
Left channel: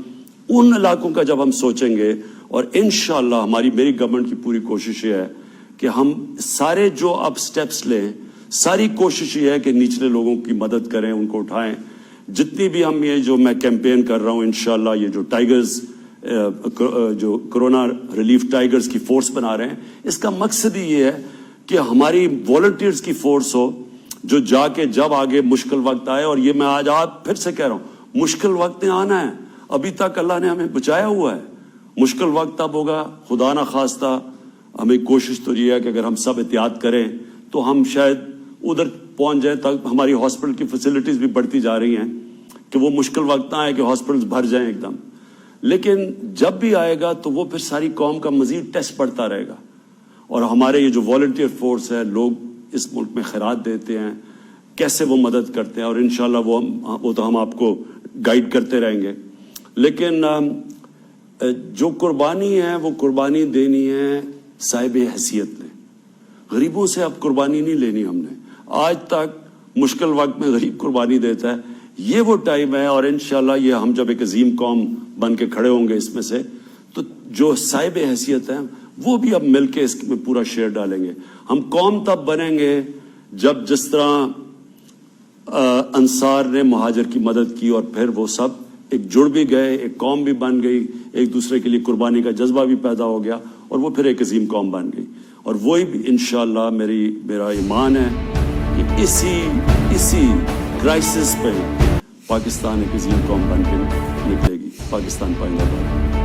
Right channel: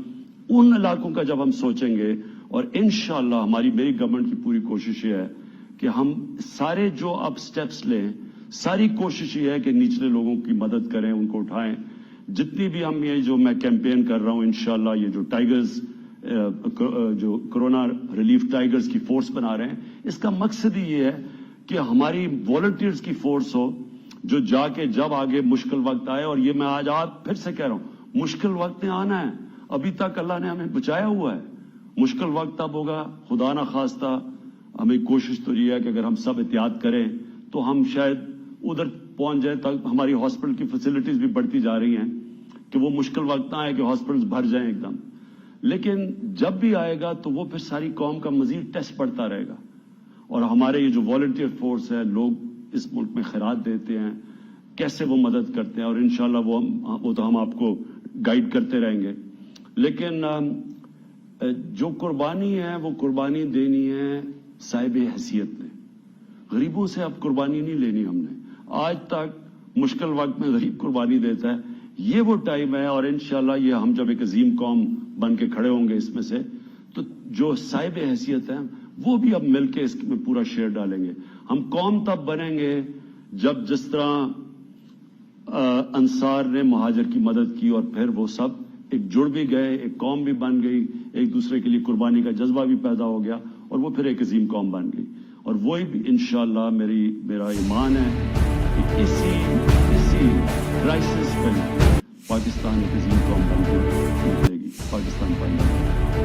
ان علاقوں کا جب ہم سوچیں گے. اور انشاءاللہ میری گورنمنٹ کی پوری کوشش یہ ہے کہ ہم سارے جو اب سٹیپس لیں, ساری کوشش یہ ہے کہ نچلے لوگوں کی مدد کریں, ان کو اٹھائیں. جتنی بھی ہم یہ جو میں کیمپین کر رہا ہوں, انشاءاللہ یہ جو ٹائیگرز, جو کرونا ریلیف ٹائیگرز کی فورس بنا رہے ہیں, اس کا مقصد ہی یہ ہے کہ ہماری والنٹیئرز کی فورس ہو جو جا کے جب آگے مشکل وقت آئے. اور یہ میں آج پھر سے کہہ رہا ہوں, مشکل وقت آنا ہے. ابھی تک اللہ نے ہمیں بچایا ہوا ہے. مشکل وقت اب ہوگا, خدا نہ خواستہ. ہمیں کوشش تو یہ ہے کہ اگر ہم سب احتیاط کریں تو ہم شاید ادھر پہنچ جائیں تک. ہماری ہاسپٹل کی فیسلٹیز بھی بڑھتی جا رہی ہیں کہ وہ مشکل وقت نہ آئے کہ ہاسپٹلز بھر جائیں ایک دم. لیکن جب بھی آئے گا تو وہ پھر ساری قوم کا مزید ٹیسٹ بڑھتا رہے گا. اور ہمارے یہ جو والنٹیئر فورس ہے, لوگ اس ملک میں خیرات دیتے ہیں, کیسے وہ مدد کرتے ہیں, اور انشاءاللہ وہ تو ہم آپ کو گائیڈ کرتے رہیں گے. لیکن جو قربانی ہے وہ قربانی دینی ہے صاحب حیثیت نے. غریبوں سے اب قربانی نہیں لینی ہم نے. آج تک مشکل وقت میں غریب قربانی دیتا ہے. یہ وہ ٹائم ہے, اور انشاءاللہ یہ ہم جب ایک عظیم قوم بن کے کھڑے ہوں گے اس میں سے, تو جو صاحب حیثیت ہیں وہ بھی اب مل کے اس میں پورا شیئر ڈالیں گے. ہم قوم تب بنیں گے جب جس طرح انصار نے مہاجر کی مدد کی اور پھر وہ سب ایک جڑ بھی گئے, ایک قوم بھی بن گئی, ایک دوسرے کے لیے قربانی کا جذبہ بھی پیدا ہو گیا اور وہ پھر ایک عظیم قوم بن گئی. اور وہی بھی انشاءاللہ میرا ایمان ہے کہ اسی کرائسس پہ پاکستان ایک عظیم قوم بن کے نکلے گی. پاکستان پائے گا.